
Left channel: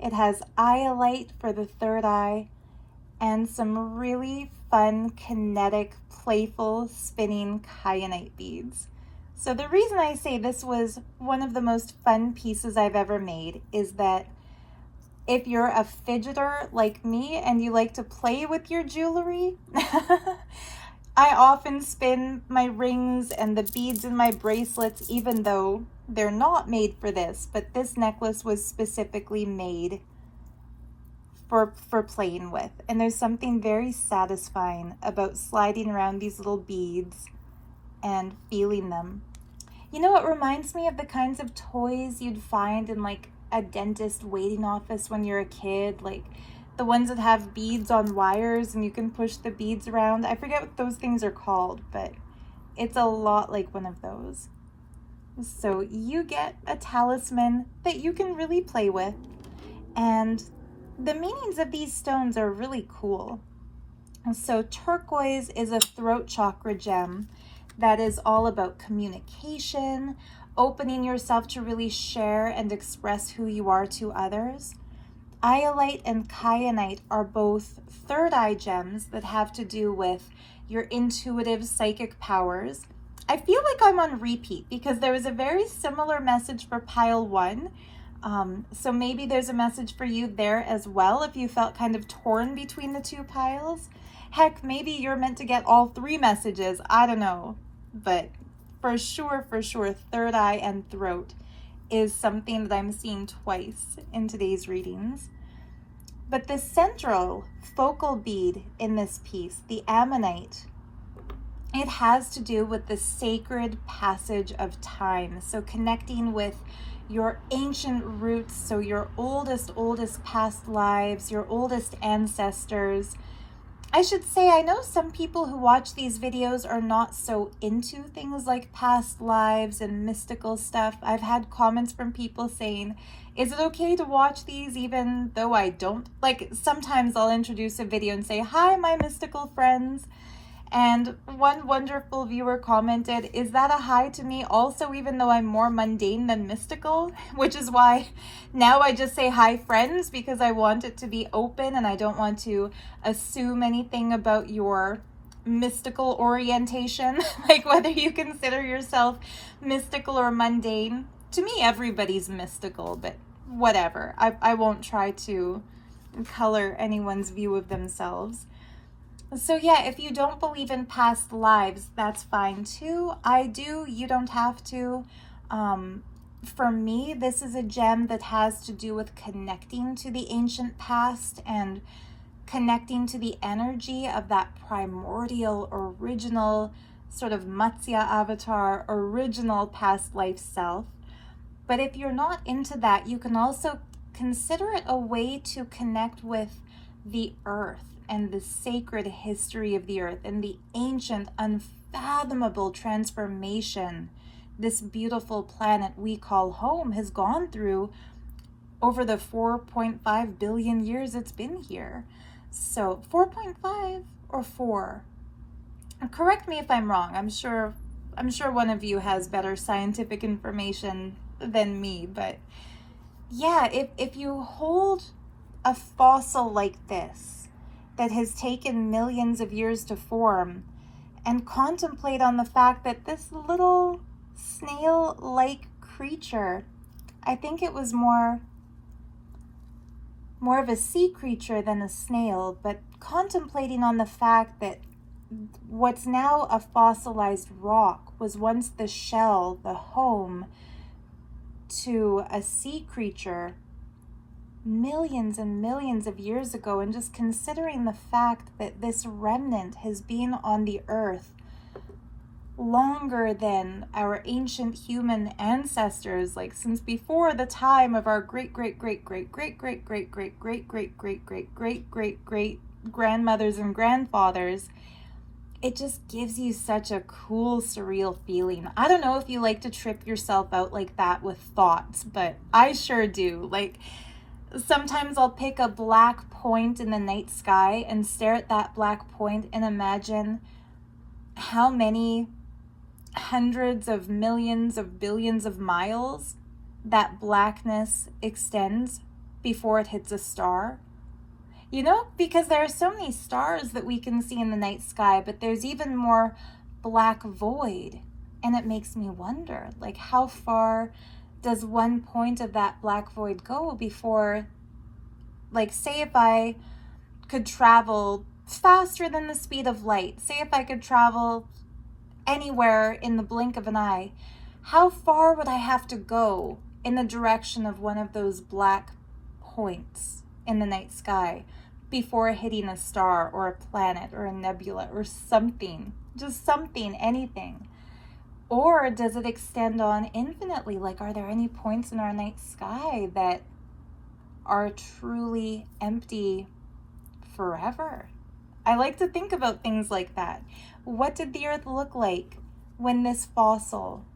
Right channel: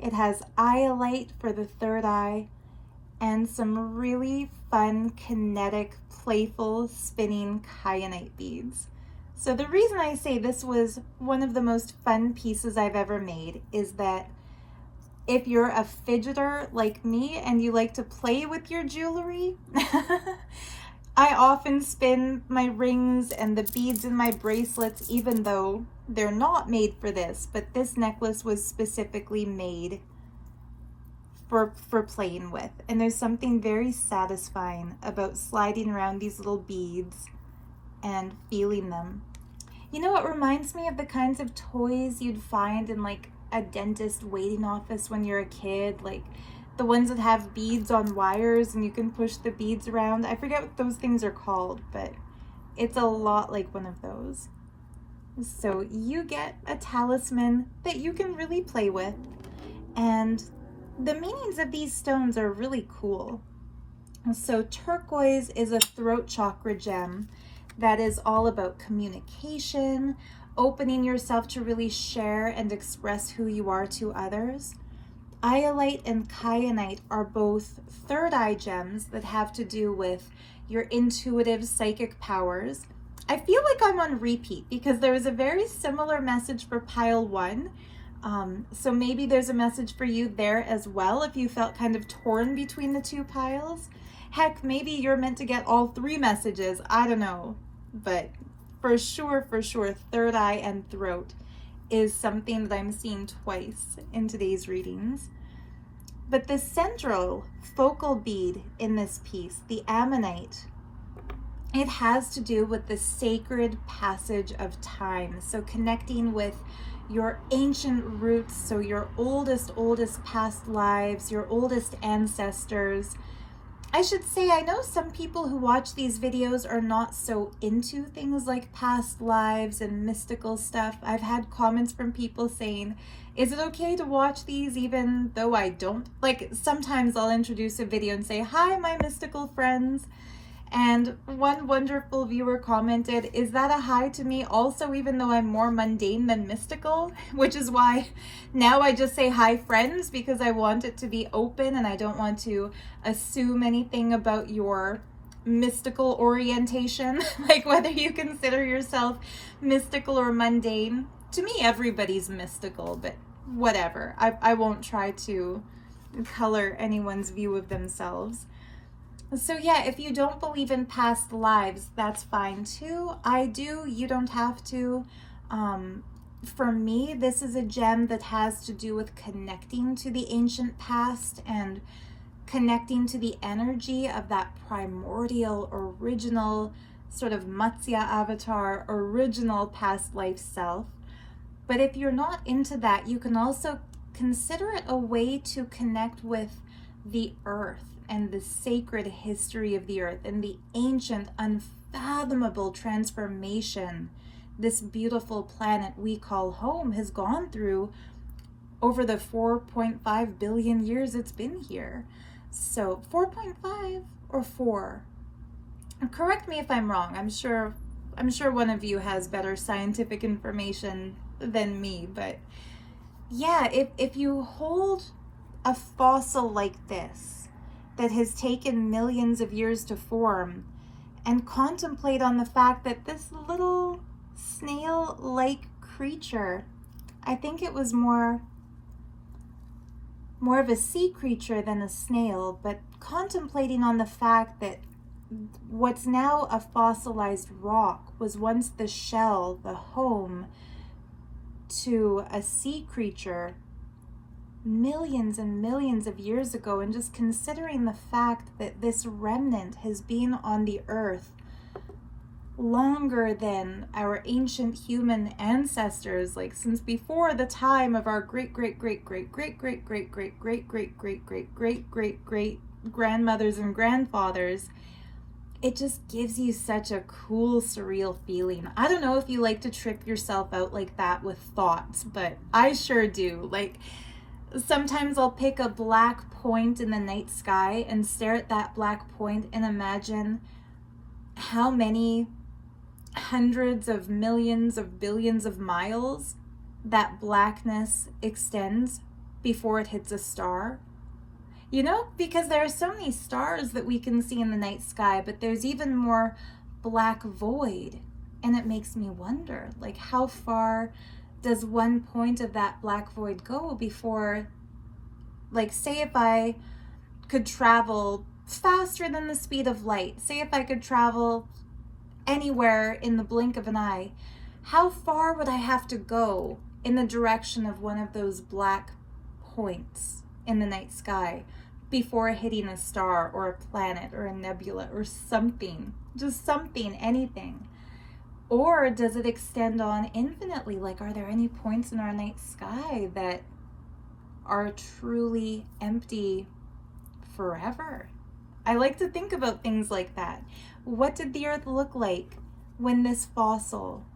It has iolite for the third eye, and some really fun, kinetic, playful, spinning kyanite beads. So the reason I say this was one of the most fun pieces I've ever made is that if you're a fidgeter like me and you like to play with your jewelry, I often spin my rings and the beads in my bracelets, even though they're not made for this, but this necklace was specifically made for playing with. And there's something very satisfying about sliding around these little beads and feeling them. You know, it reminds me of the kinds of toys you'd find in like a dentist waiting office when you're a kid, like the ones that have beads on wires and you can push the beads around. I forget what those things are called, but it's a lot like one of those. So you get a talisman that you can really play with, and the meanings of these stones are really cool. So turquoise is a throat chakra gem that is all about communication, opening yourself to really share and express who you are to others. Iolite and kyanite are both third eye gems that have to do with your intuitive psychic powers. I feel like I'm on repeat because there was a very similar message for pile 1. So maybe there's a message for you there as well if you felt kind of torn between the two piles. Heck, maybe you're meant to get all 3 messages. I don't know. But for sure, third eye and throat is something that I'm seeing twice in today's readings. But the central focal bead in this piece, the ammonite, it has to do with the sacred passage of time. So connecting with your ancient roots, so your oldest past lives, your oldest ancestors. I should say, I know some people who watch these videos are not so into things like past lives and mystical stuff. I've had comments from people saying, is it okay to watch these even though I don't? Like, sometimes I'll introduce a video and say, hi, my mystical friends. And one wonderful viewer commented, is that a hi to me also, even though I'm more mundane than mystical? Which is why now I just say hi, friends, because I want it to be open and I don't want to assume anything about your mystical orientation, like whether you consider yourself mystical or mundane. To me, everybody's mystical, but whatever. I won't try to color anyone's view of themselves. So yeah, if you don't believe in past lives, that's fine too. I do, you don't have to. For me, this is a gem that has to do with connecting to the ancient past and connecting to the energy of that primordial, original, sort of Matsya avatar, original past life self. But if you're not into that, you can also consider it a way to connect with the earth and the sacred history of the earth and the ancient, unfathomable transformation this beautiful planet we call home has gone through over the 4.5 billion years it's been here. So 4.5 or 4? Correct me if I'm wrong. I'm sure one of you has better scientific information than me, but yeah, if you hold a fossil like this that has taken millions of years to form and contemplate on the fact that this little snail-like creature, I think it was more of a sea creature than a snail, but contemplating on the fact that what's now a fossilized rock was once the shell, the home to a sea creature millions and millions of years ago, and just considering the fact that this remnant has been on the earth longer than our ancient human ancestors, like since before the time of our great grandmothers and grandfathers. It just gives you such a cool, surreal feeling. I don't know if you like to trip yourself out like that with thoughts, but I sure do. Like, sometimes I'll pick a black point in the night sky and stare at that black point and imagine how many hundreds of millions of billions of miles that blackness extends before it hits a star. You know, because there are so many stars that we can see in the night sky, but there's even more black void. And it makes me wonder, like, how far does one point of that black void go before, like, say if I could travel faster than the speed of light, say if I could travel anywhere in the blink of an eye, how far would I have to go in the direction of one of those black points in the night sky before hitting a star or a planet or a nebula or something, just something, anything? Or does it extend on infinitely? Like, are there any points in our night sky that are truly empty forever? I like to think about things like that. What did the earth look like when this fossil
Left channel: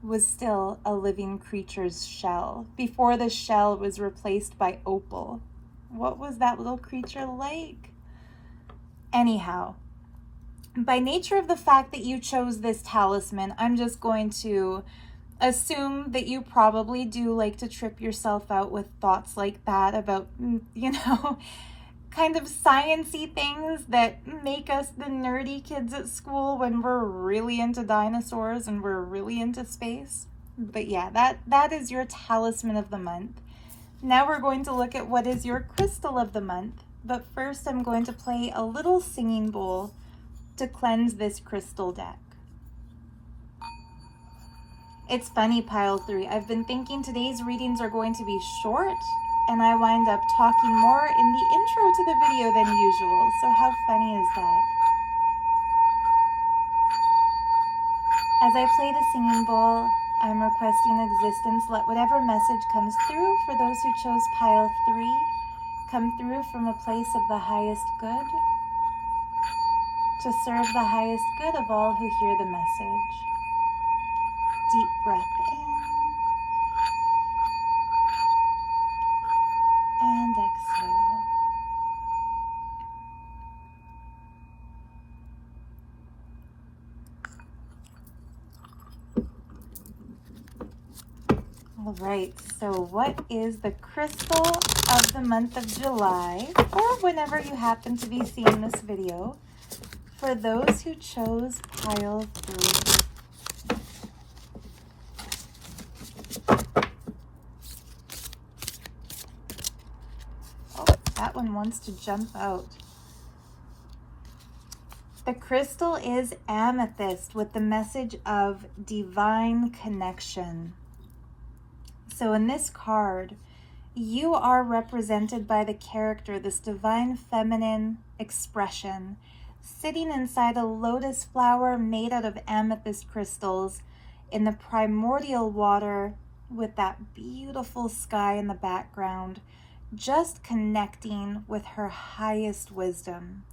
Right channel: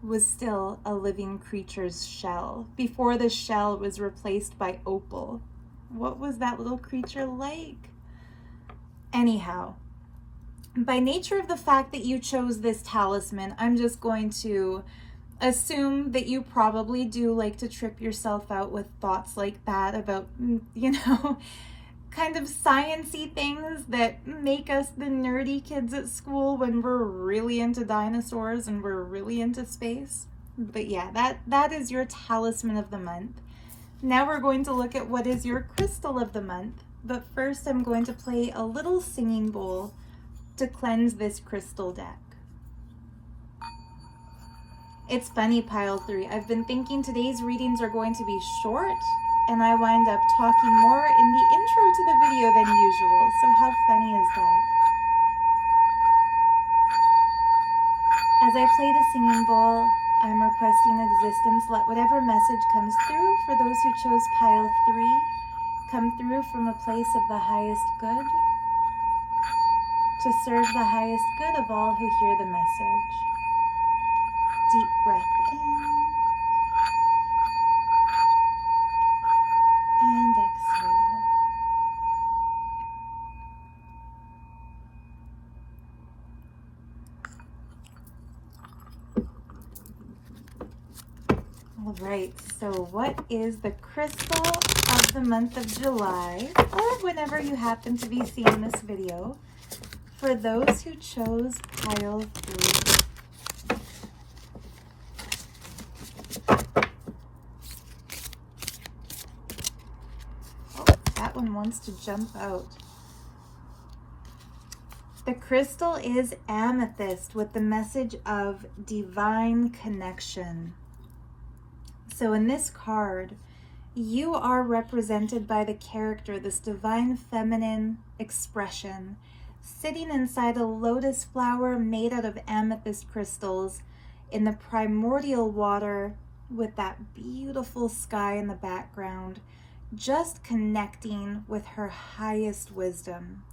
was still a living creature's shell, before the shell was replaced by opal? What was that little creature like? Anyhow, by nature of the fact that you chose this talisman, I'm just going to assume that you probably do like to trip yourself out with thoughts like that about, you know, kind of sciencey things that make us the nerdy kids at school when we're really into dinosaurs and we're really into space. But yeah, that is your talisman of the month. Now we're going to look at what is your crystal of the month. But first I'm going to play a little singing bowl to cleanse this crystal deck. It's funny, Pile 3. I've been thinking today's readings are going to be short, and I wind up talking more in the intro to the video than usual. So how funny is that? As I play the singing bowl, I'm requesting existence. Let whatever message comes through for those who chose Pile 3 come through from a place of the highest good, to serve the highest good of all who hear the message. Deep breath in and exhale. All right, so what is the crystal of the month of July, or whenever you happen to be seeing this video, for those who chose Pile 3? That one wants to jump out. The crystal is amethyst with the message of divine connection. So in this card, you are represented by the character, this divine feminine expression, sitting inside a lotus flower made out of amethyst crystals in the primordial water with that beautiful sky in the background, just connecting with her highest wisdom.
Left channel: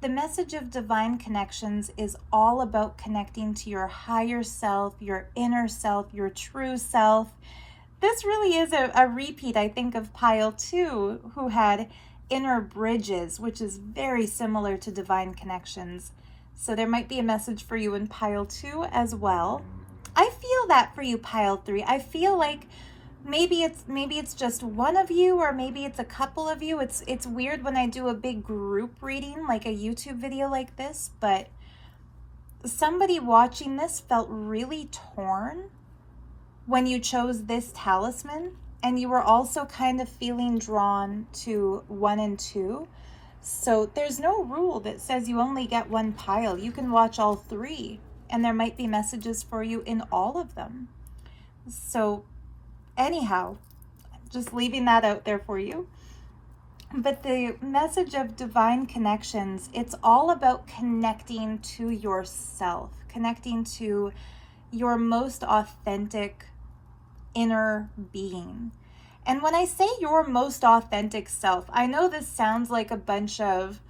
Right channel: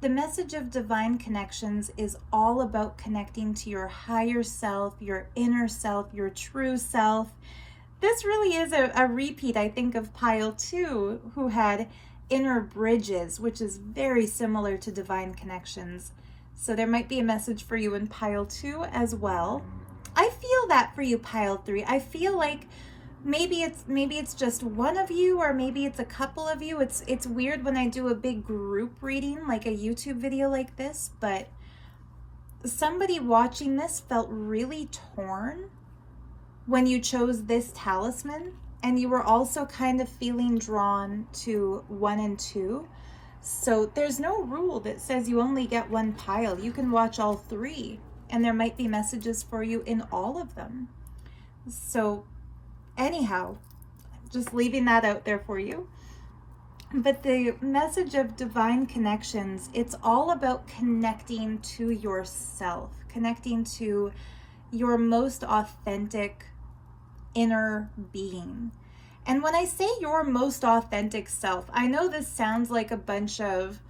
The message of divine connections is all about connecting to your higher self, your inner self, your true self. This really is a repeat, I think, of pile 2, who had inner bridges, which is very similar to divine connections. So there might be a message for you in pile 2 as well. I feel that for you, pile 3. I feel like maybe it's just one of you, or maybe it's a couple of you. It's weird when I do a big group reading, like a YouTube video like this, but somebody watching this felt really torn when you chose this talisman, and you were also kind of feeling drawn to 1 and 2. So there's no rule that says you only get one pile. You can watch all 3, and there might be messages for you in all of them. So anyhow, just leaving that out there for you. But the message of divine connections, it's all about connecting to yourself, connecting to your most authentic inner being. And when I say your most authentic self, I know this sounds like a bunch of,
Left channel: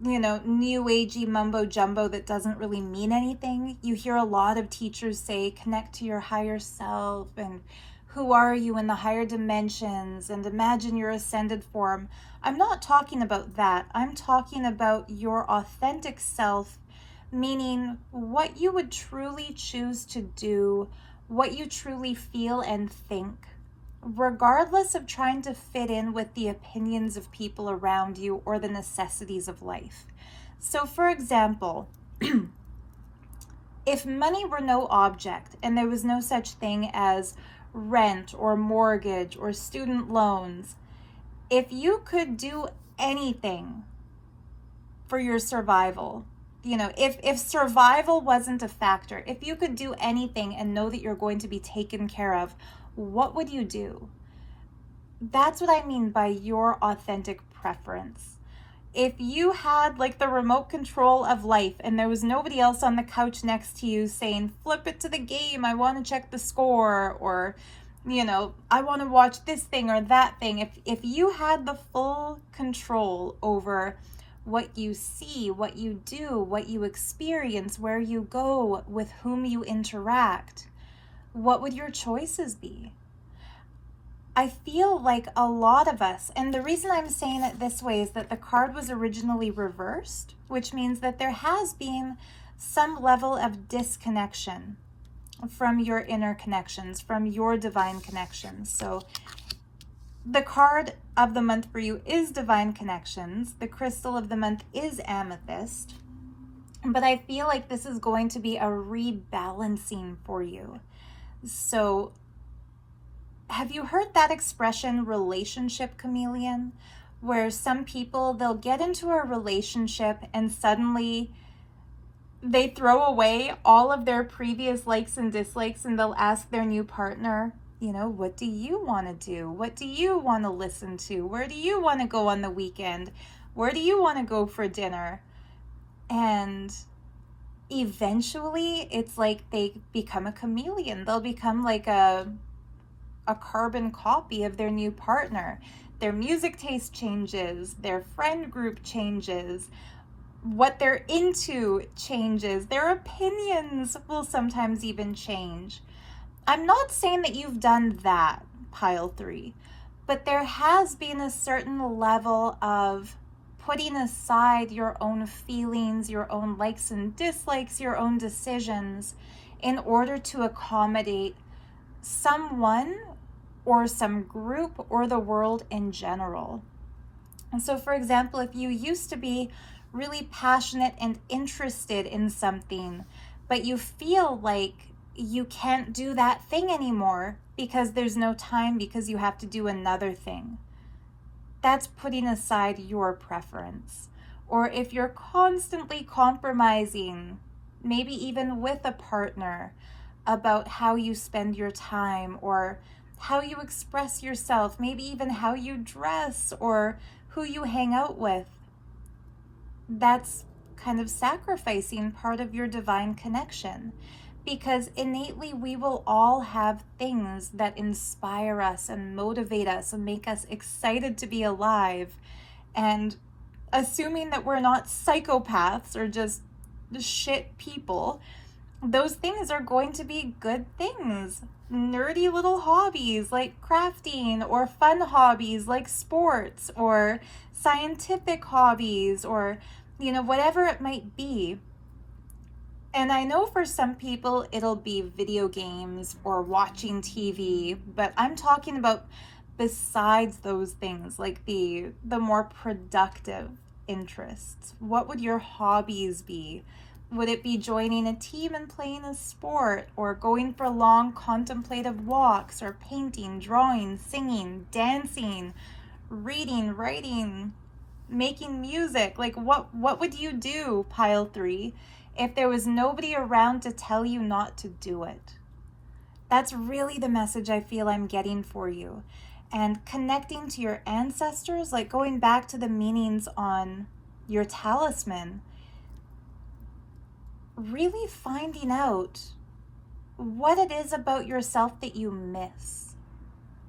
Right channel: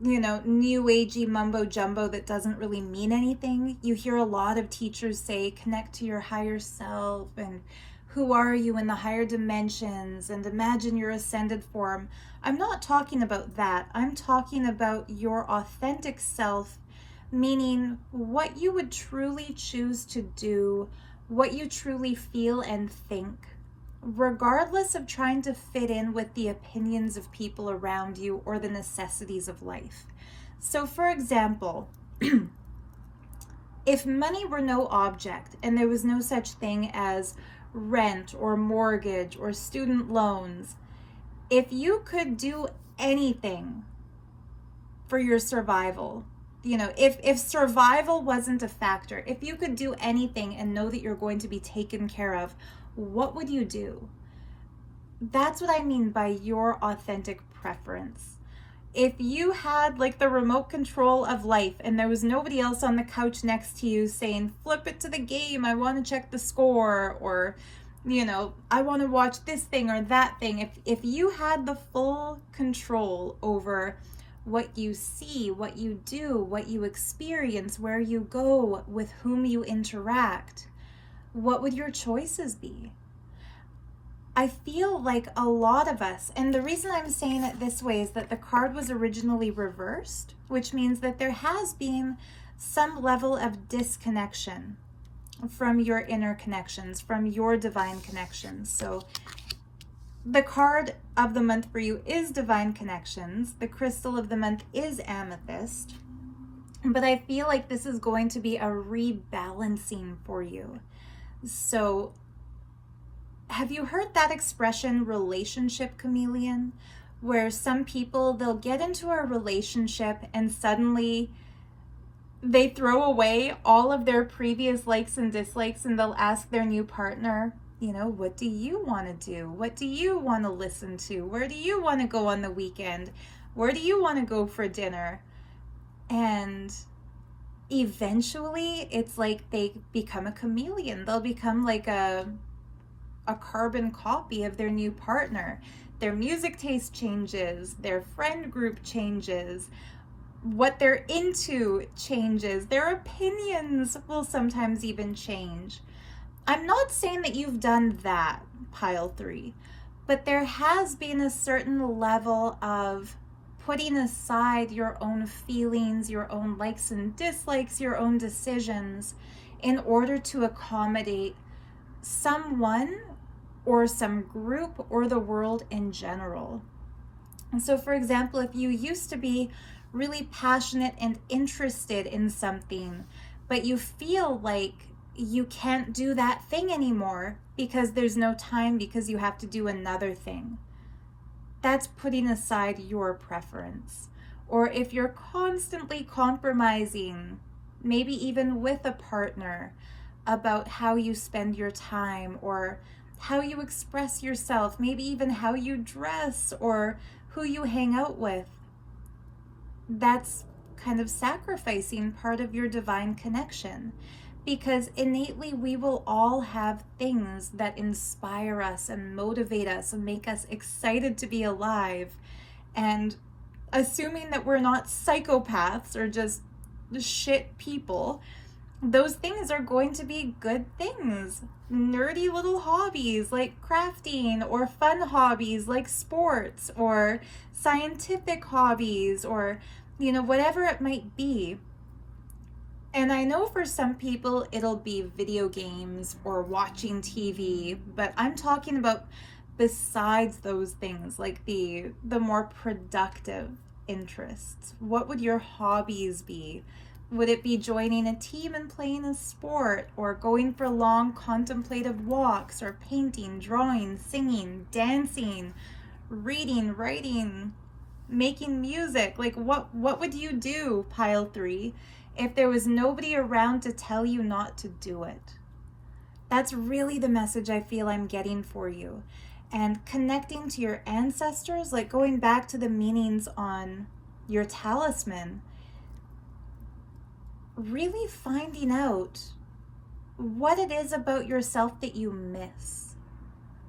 new agey mumbo jumbo that doesn't really mean anything. You hear a lot of teachers say, connect to your higher self, and who are you in the higher dimensions, and imagine your ascended form. I'm not talking about that. I'm talking about your authentic self, meaning what you would truly choose to do, what you truly feel and think, regardless of trying to fit in with the opinions of people around you or the necessities of life. So for example, if money were no object and there was no such thing as rent or mortgage or student loans, if you could do anything for your survival, if survival wasn't a factor, if you could do anything and know that you're going to be taken care of, what would you do? That's what I mean by your authentic preference. If you had like the remote control of life and there was nobody else on the couch next to you saying, flip it to the game, I want to check the score, or, I want to watch this thing or that thing. If you had the full control over what you see, what you do, what you experience, where you go, with whom you interact, what would your choices be? I feel like a lot of us, and the reason I'm saying it this way is that the card was originally reversed, which means that there has been some level of disconnection from your inner connections, from your divine connections. So the card of the month for you is divine connections. The crystal of the month is amethyst. But I feel like this is going to be a rebalancing for you. So have you heard that expression, relationship chameleon? Where some people, they'll get into a relationship and suddenly they throw away all of their previous likes and dislikes, and they'll ask their new partner, what do you want to do? What do you want to listen to? Where do you want to go on the weekend? Where do you want to go for dinner? And eventually it's like they become a chameleon. They'll become like a carbon copy of their new partner. Their music taste changes, their friend group changes, what they're into changes, their opinions will sometimes even change. I'm not saying that you've done that, pile 3, but there has been a certain level of putting aside your own feelings, your own likes and dislikes, your own decisions in order to accommodate someone or some group or the world in general. And so, for example, if you used to be really passionate and interested in something, but you feel like you can't do that thing anymore because there's no time, because you have to do another thing, that's putting aside your preference. or if you're constantly compromising, maybe even with a partner, about how you spend your time or how you express yourself, maybe even how you dress or who you hang out with, that's kind of sacrificing part of your divine connection. Because innately we will all have things that inspire us and motivate us and make us excited to be alive. And assuming that we're not psychopaths or just shit people, those things are going to be good things. Nerdy little hobbies like crafting, or fun hobbies like sports, or scientific hobbies, or, whatever it might be. And I know for some people it'll be video games or watching TV, but I'm talking about besides those things, like the more productive interests. What would your hobbies be? Would it be joining a team and playing a sport, or going for long contemplative walks, or painting, drawing, singing, dancing, reading, writing, making music? Like what would you do, pile 3, if there was nobody around to tell you not to do it? That's really the message I feel I'm getting for you. And connecting to your ancestors, like going back to the meanings on your talisman, really finding out what it is about yourself that you miss,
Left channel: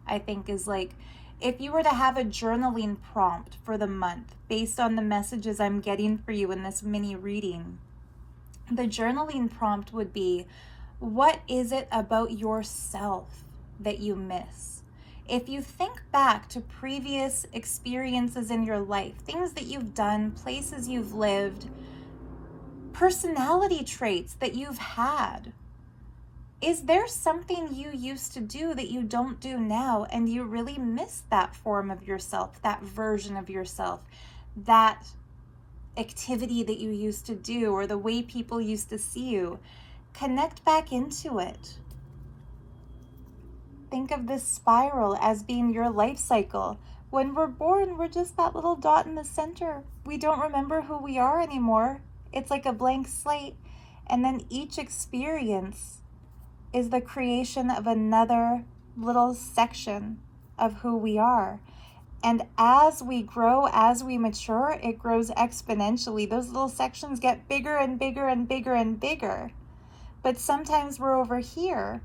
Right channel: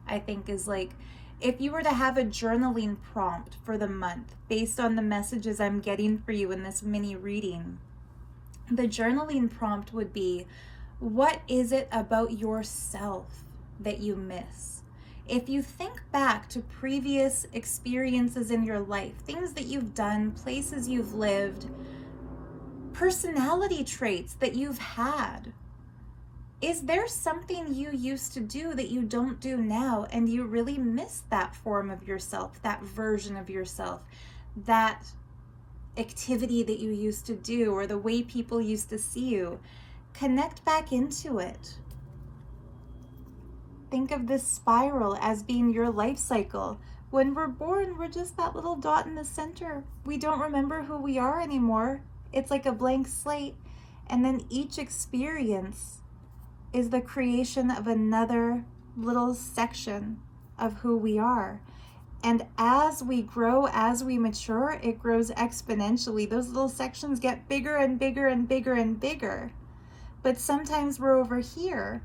I think is like, if you were to have a journaling prompt for the month based on the messages I'm getting for you in this mini reading, the journaling prompt would be, what is it about yourself that you miss? If you think back to previous experiences in your life, things that you've done, places you've lived, personality traits that you've had, is there something you used to do that you don't do now, and you really miss that form of yourself, that version of yourself, that activity that you used to do, or the way people used to see you? Connect back into it. Think of this spiral as being your life cycle. When we're born, we're just that little dot in the center. We don't remember who we are anymore. It's like a blank slate. And then each experience is the creation of another little section of who we are. And as we grow, as we mature, it grows exponentially. Those little sections get bigger and bigger and bigger and bigger. But sometimes we're over here,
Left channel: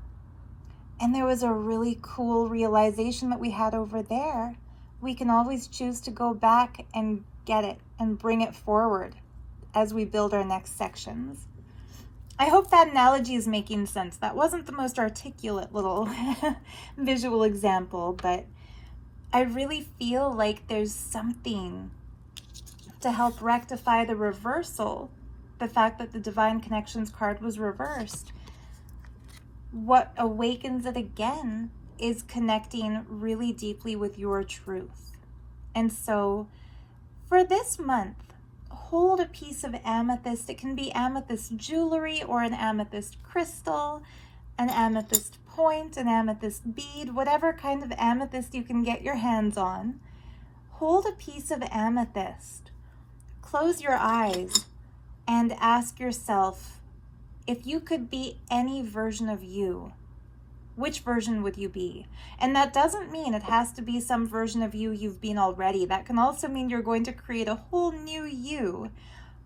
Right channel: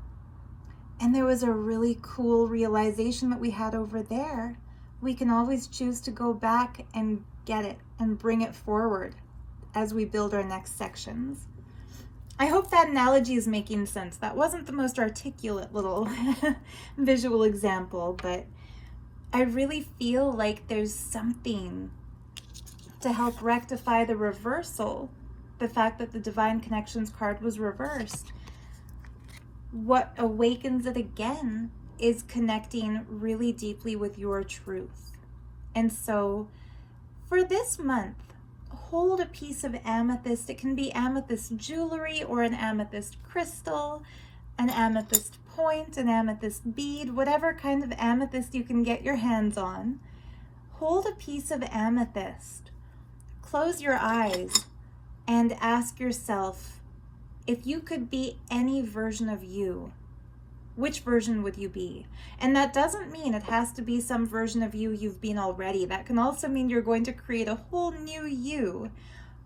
and there was a really cool realization that we had over there. We can always choose to go back and get it and bring it forward as we build our next sections. I hope that analogy is making sense. That wasn't the most articulate little visual example, but I really feel like there's something to help rectify the reversal, the fact that the Divine Connections card was reversed. What awakens it again is connecting really deeply with your truth. And so for this month, hold a piece of amethyst. It can be amethyst jewelry or an amethyst crystal, an amethyst point, an amethyst bead, whatever kind of amethyst you can get your hands on. Hold a piece of amethyst. Close your eyes and ask yourself, if you could be any version of you, which version would you be? And that doesn't mean it has to be some version of you you've been already. That can also mean you're going to create a whole new you.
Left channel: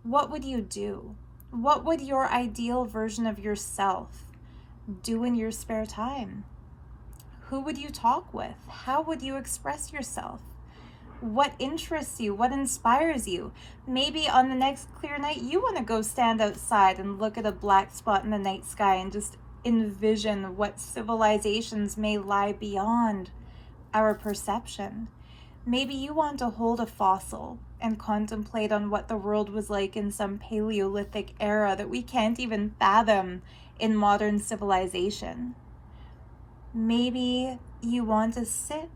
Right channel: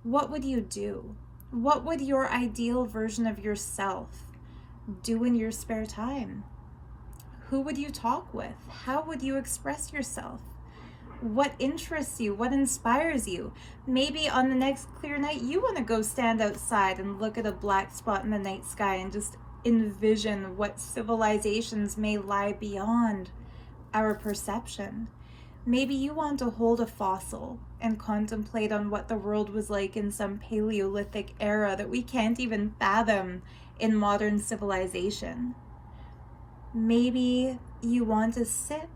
What would you do? What would your ideal version of yourself do in your spare time? Who would you talk with? How would you express yourself? What interests you? What inspires you? Maybe on the next clear night, you want to go stand outside and look at a black spot in the night sky and just envision what civilizations may lie beyond our perception. Maybe you want to hold a fossil and contemplate on what the world was like in some Paleolithic era that we can't even fathom in modern civilization. Maybe you want to sit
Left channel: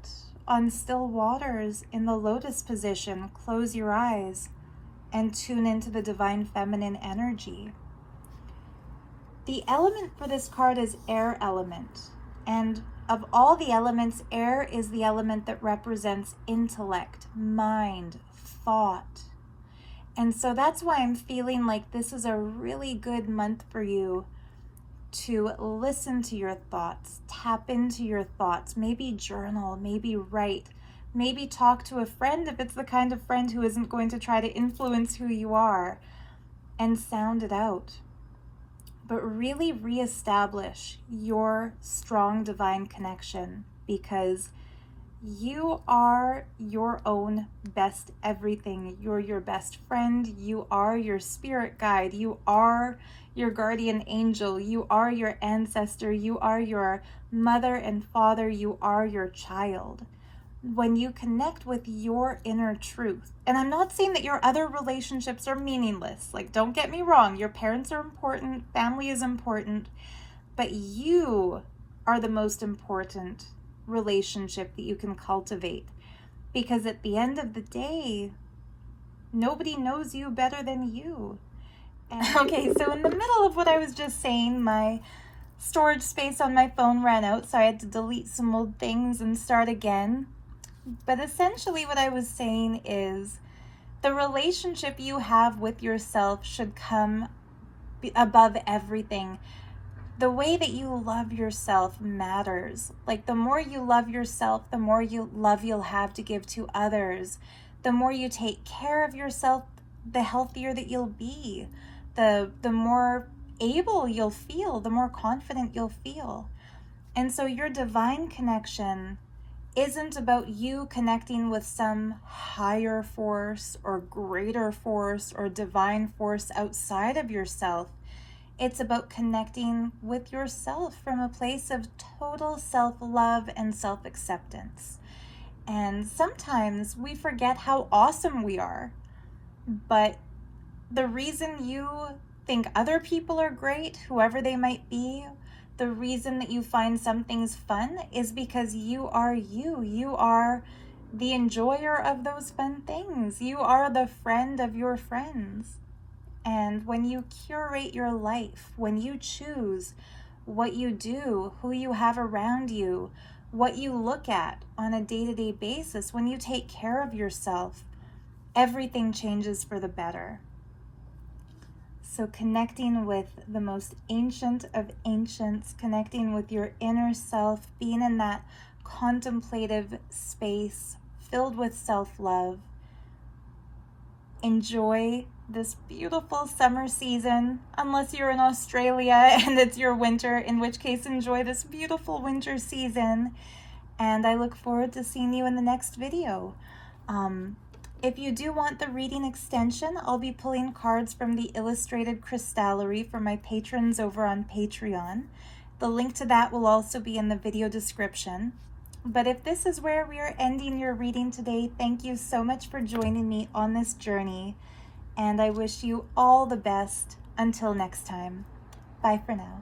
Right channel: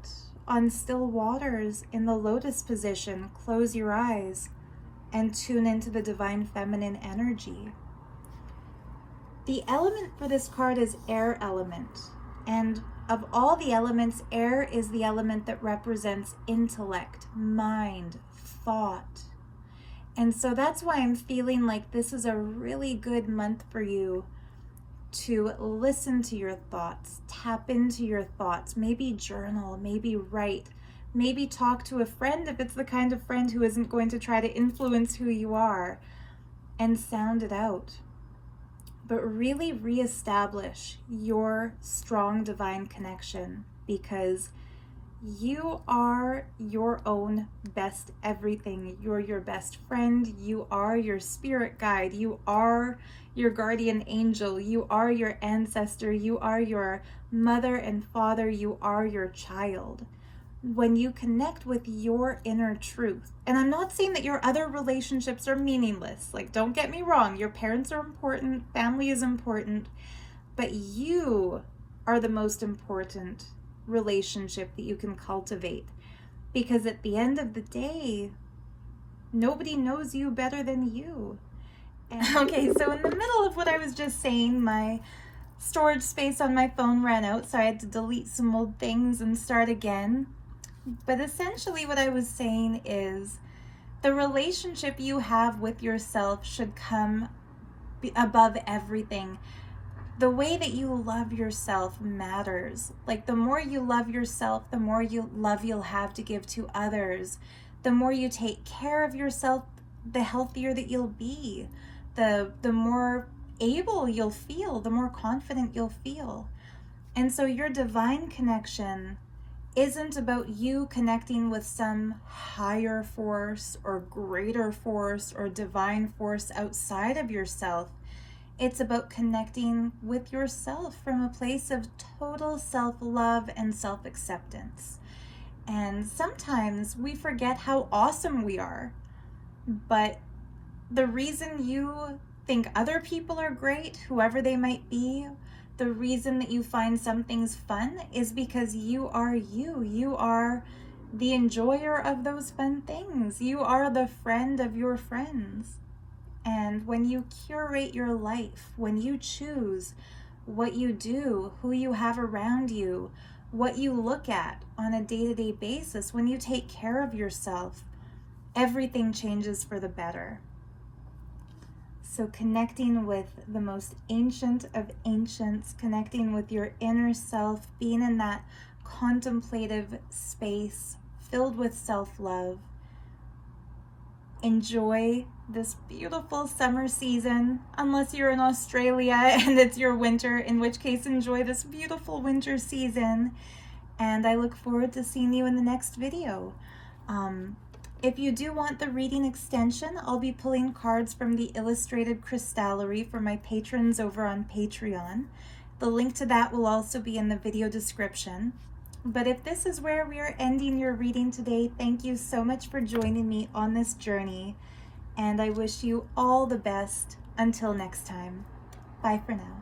on still waters in the lotus position, close your eyes, and tune into the divine feminine energy. The element for this card is air element. And of all the elements, air is the element that represents intellect, mind, thought. And so that's why I'm feeling like this is a really good month for you to listen to your thoughts, tap into your thoughts, maybe journal, maybe write, maybe talk to a friend if it's the kind of friend who isn't going to try to influence who you are, and sound it out. But really reestablish your strong divine connection, because you are your own best everything. You're your best friend. You are your spirit guide. You are your guardian angel. You are your ancestor. You are your mother and father. You are your child. When you connect with your inner truth, and I'm not saying that your other relationships are meaningless. Like, don't get me wrong. Your parents are important. Family is important. But you are the most important relationship that you can cultivate, because at the end of the day, nobody knows you better than you. And okay, so in the middle of what I was just saying, my storage space on my phone ran out, so I had to delete some old things and start again. But essentially what I was saying is the relationship you have with yourself should come above everything. The way that you love yourself matters. Like, the more you love yourself, the more love you'll have to give to others. The more you take care of yourself, the healthier that you'll be. The more able you'll feel, the more confident you'll feel. And so your divine connection isn't about you connecting with some higher force or greater force or divine force outside of yourself. It's about connecting with yourself from a place of total self-love and self-acceptance. And sometimes we forget how awesome we are. But the reason you think other people are great, whoever they might be, the reason that you find some things fun is because you are you. You are the enjoyer of those fun things. You are the friend of your friends. And when you curate your life, when you choose what you do, who you have around you, what you look at on a day-to-day basis, when you take care of yourself, everything changes for the better. So connecting with the most ancient of ancients, connecting with your inner self, being in that contemplative space filled with self-love. Enjoy this beautiful summer season, unless you're in Australia and it's your winter, in which case enjoy this beautiful winter season. And I look forward to seeing you in the next video. If you do want the reading extension, I'll be pulling cards from the Illustrated Crystallery for my patrons over on Patreon. The link to that will also be in the video description. But if this is where we are ending your reading today, thank you so much for joining me on this journey. And I wish you all the best until next time. Bye for now.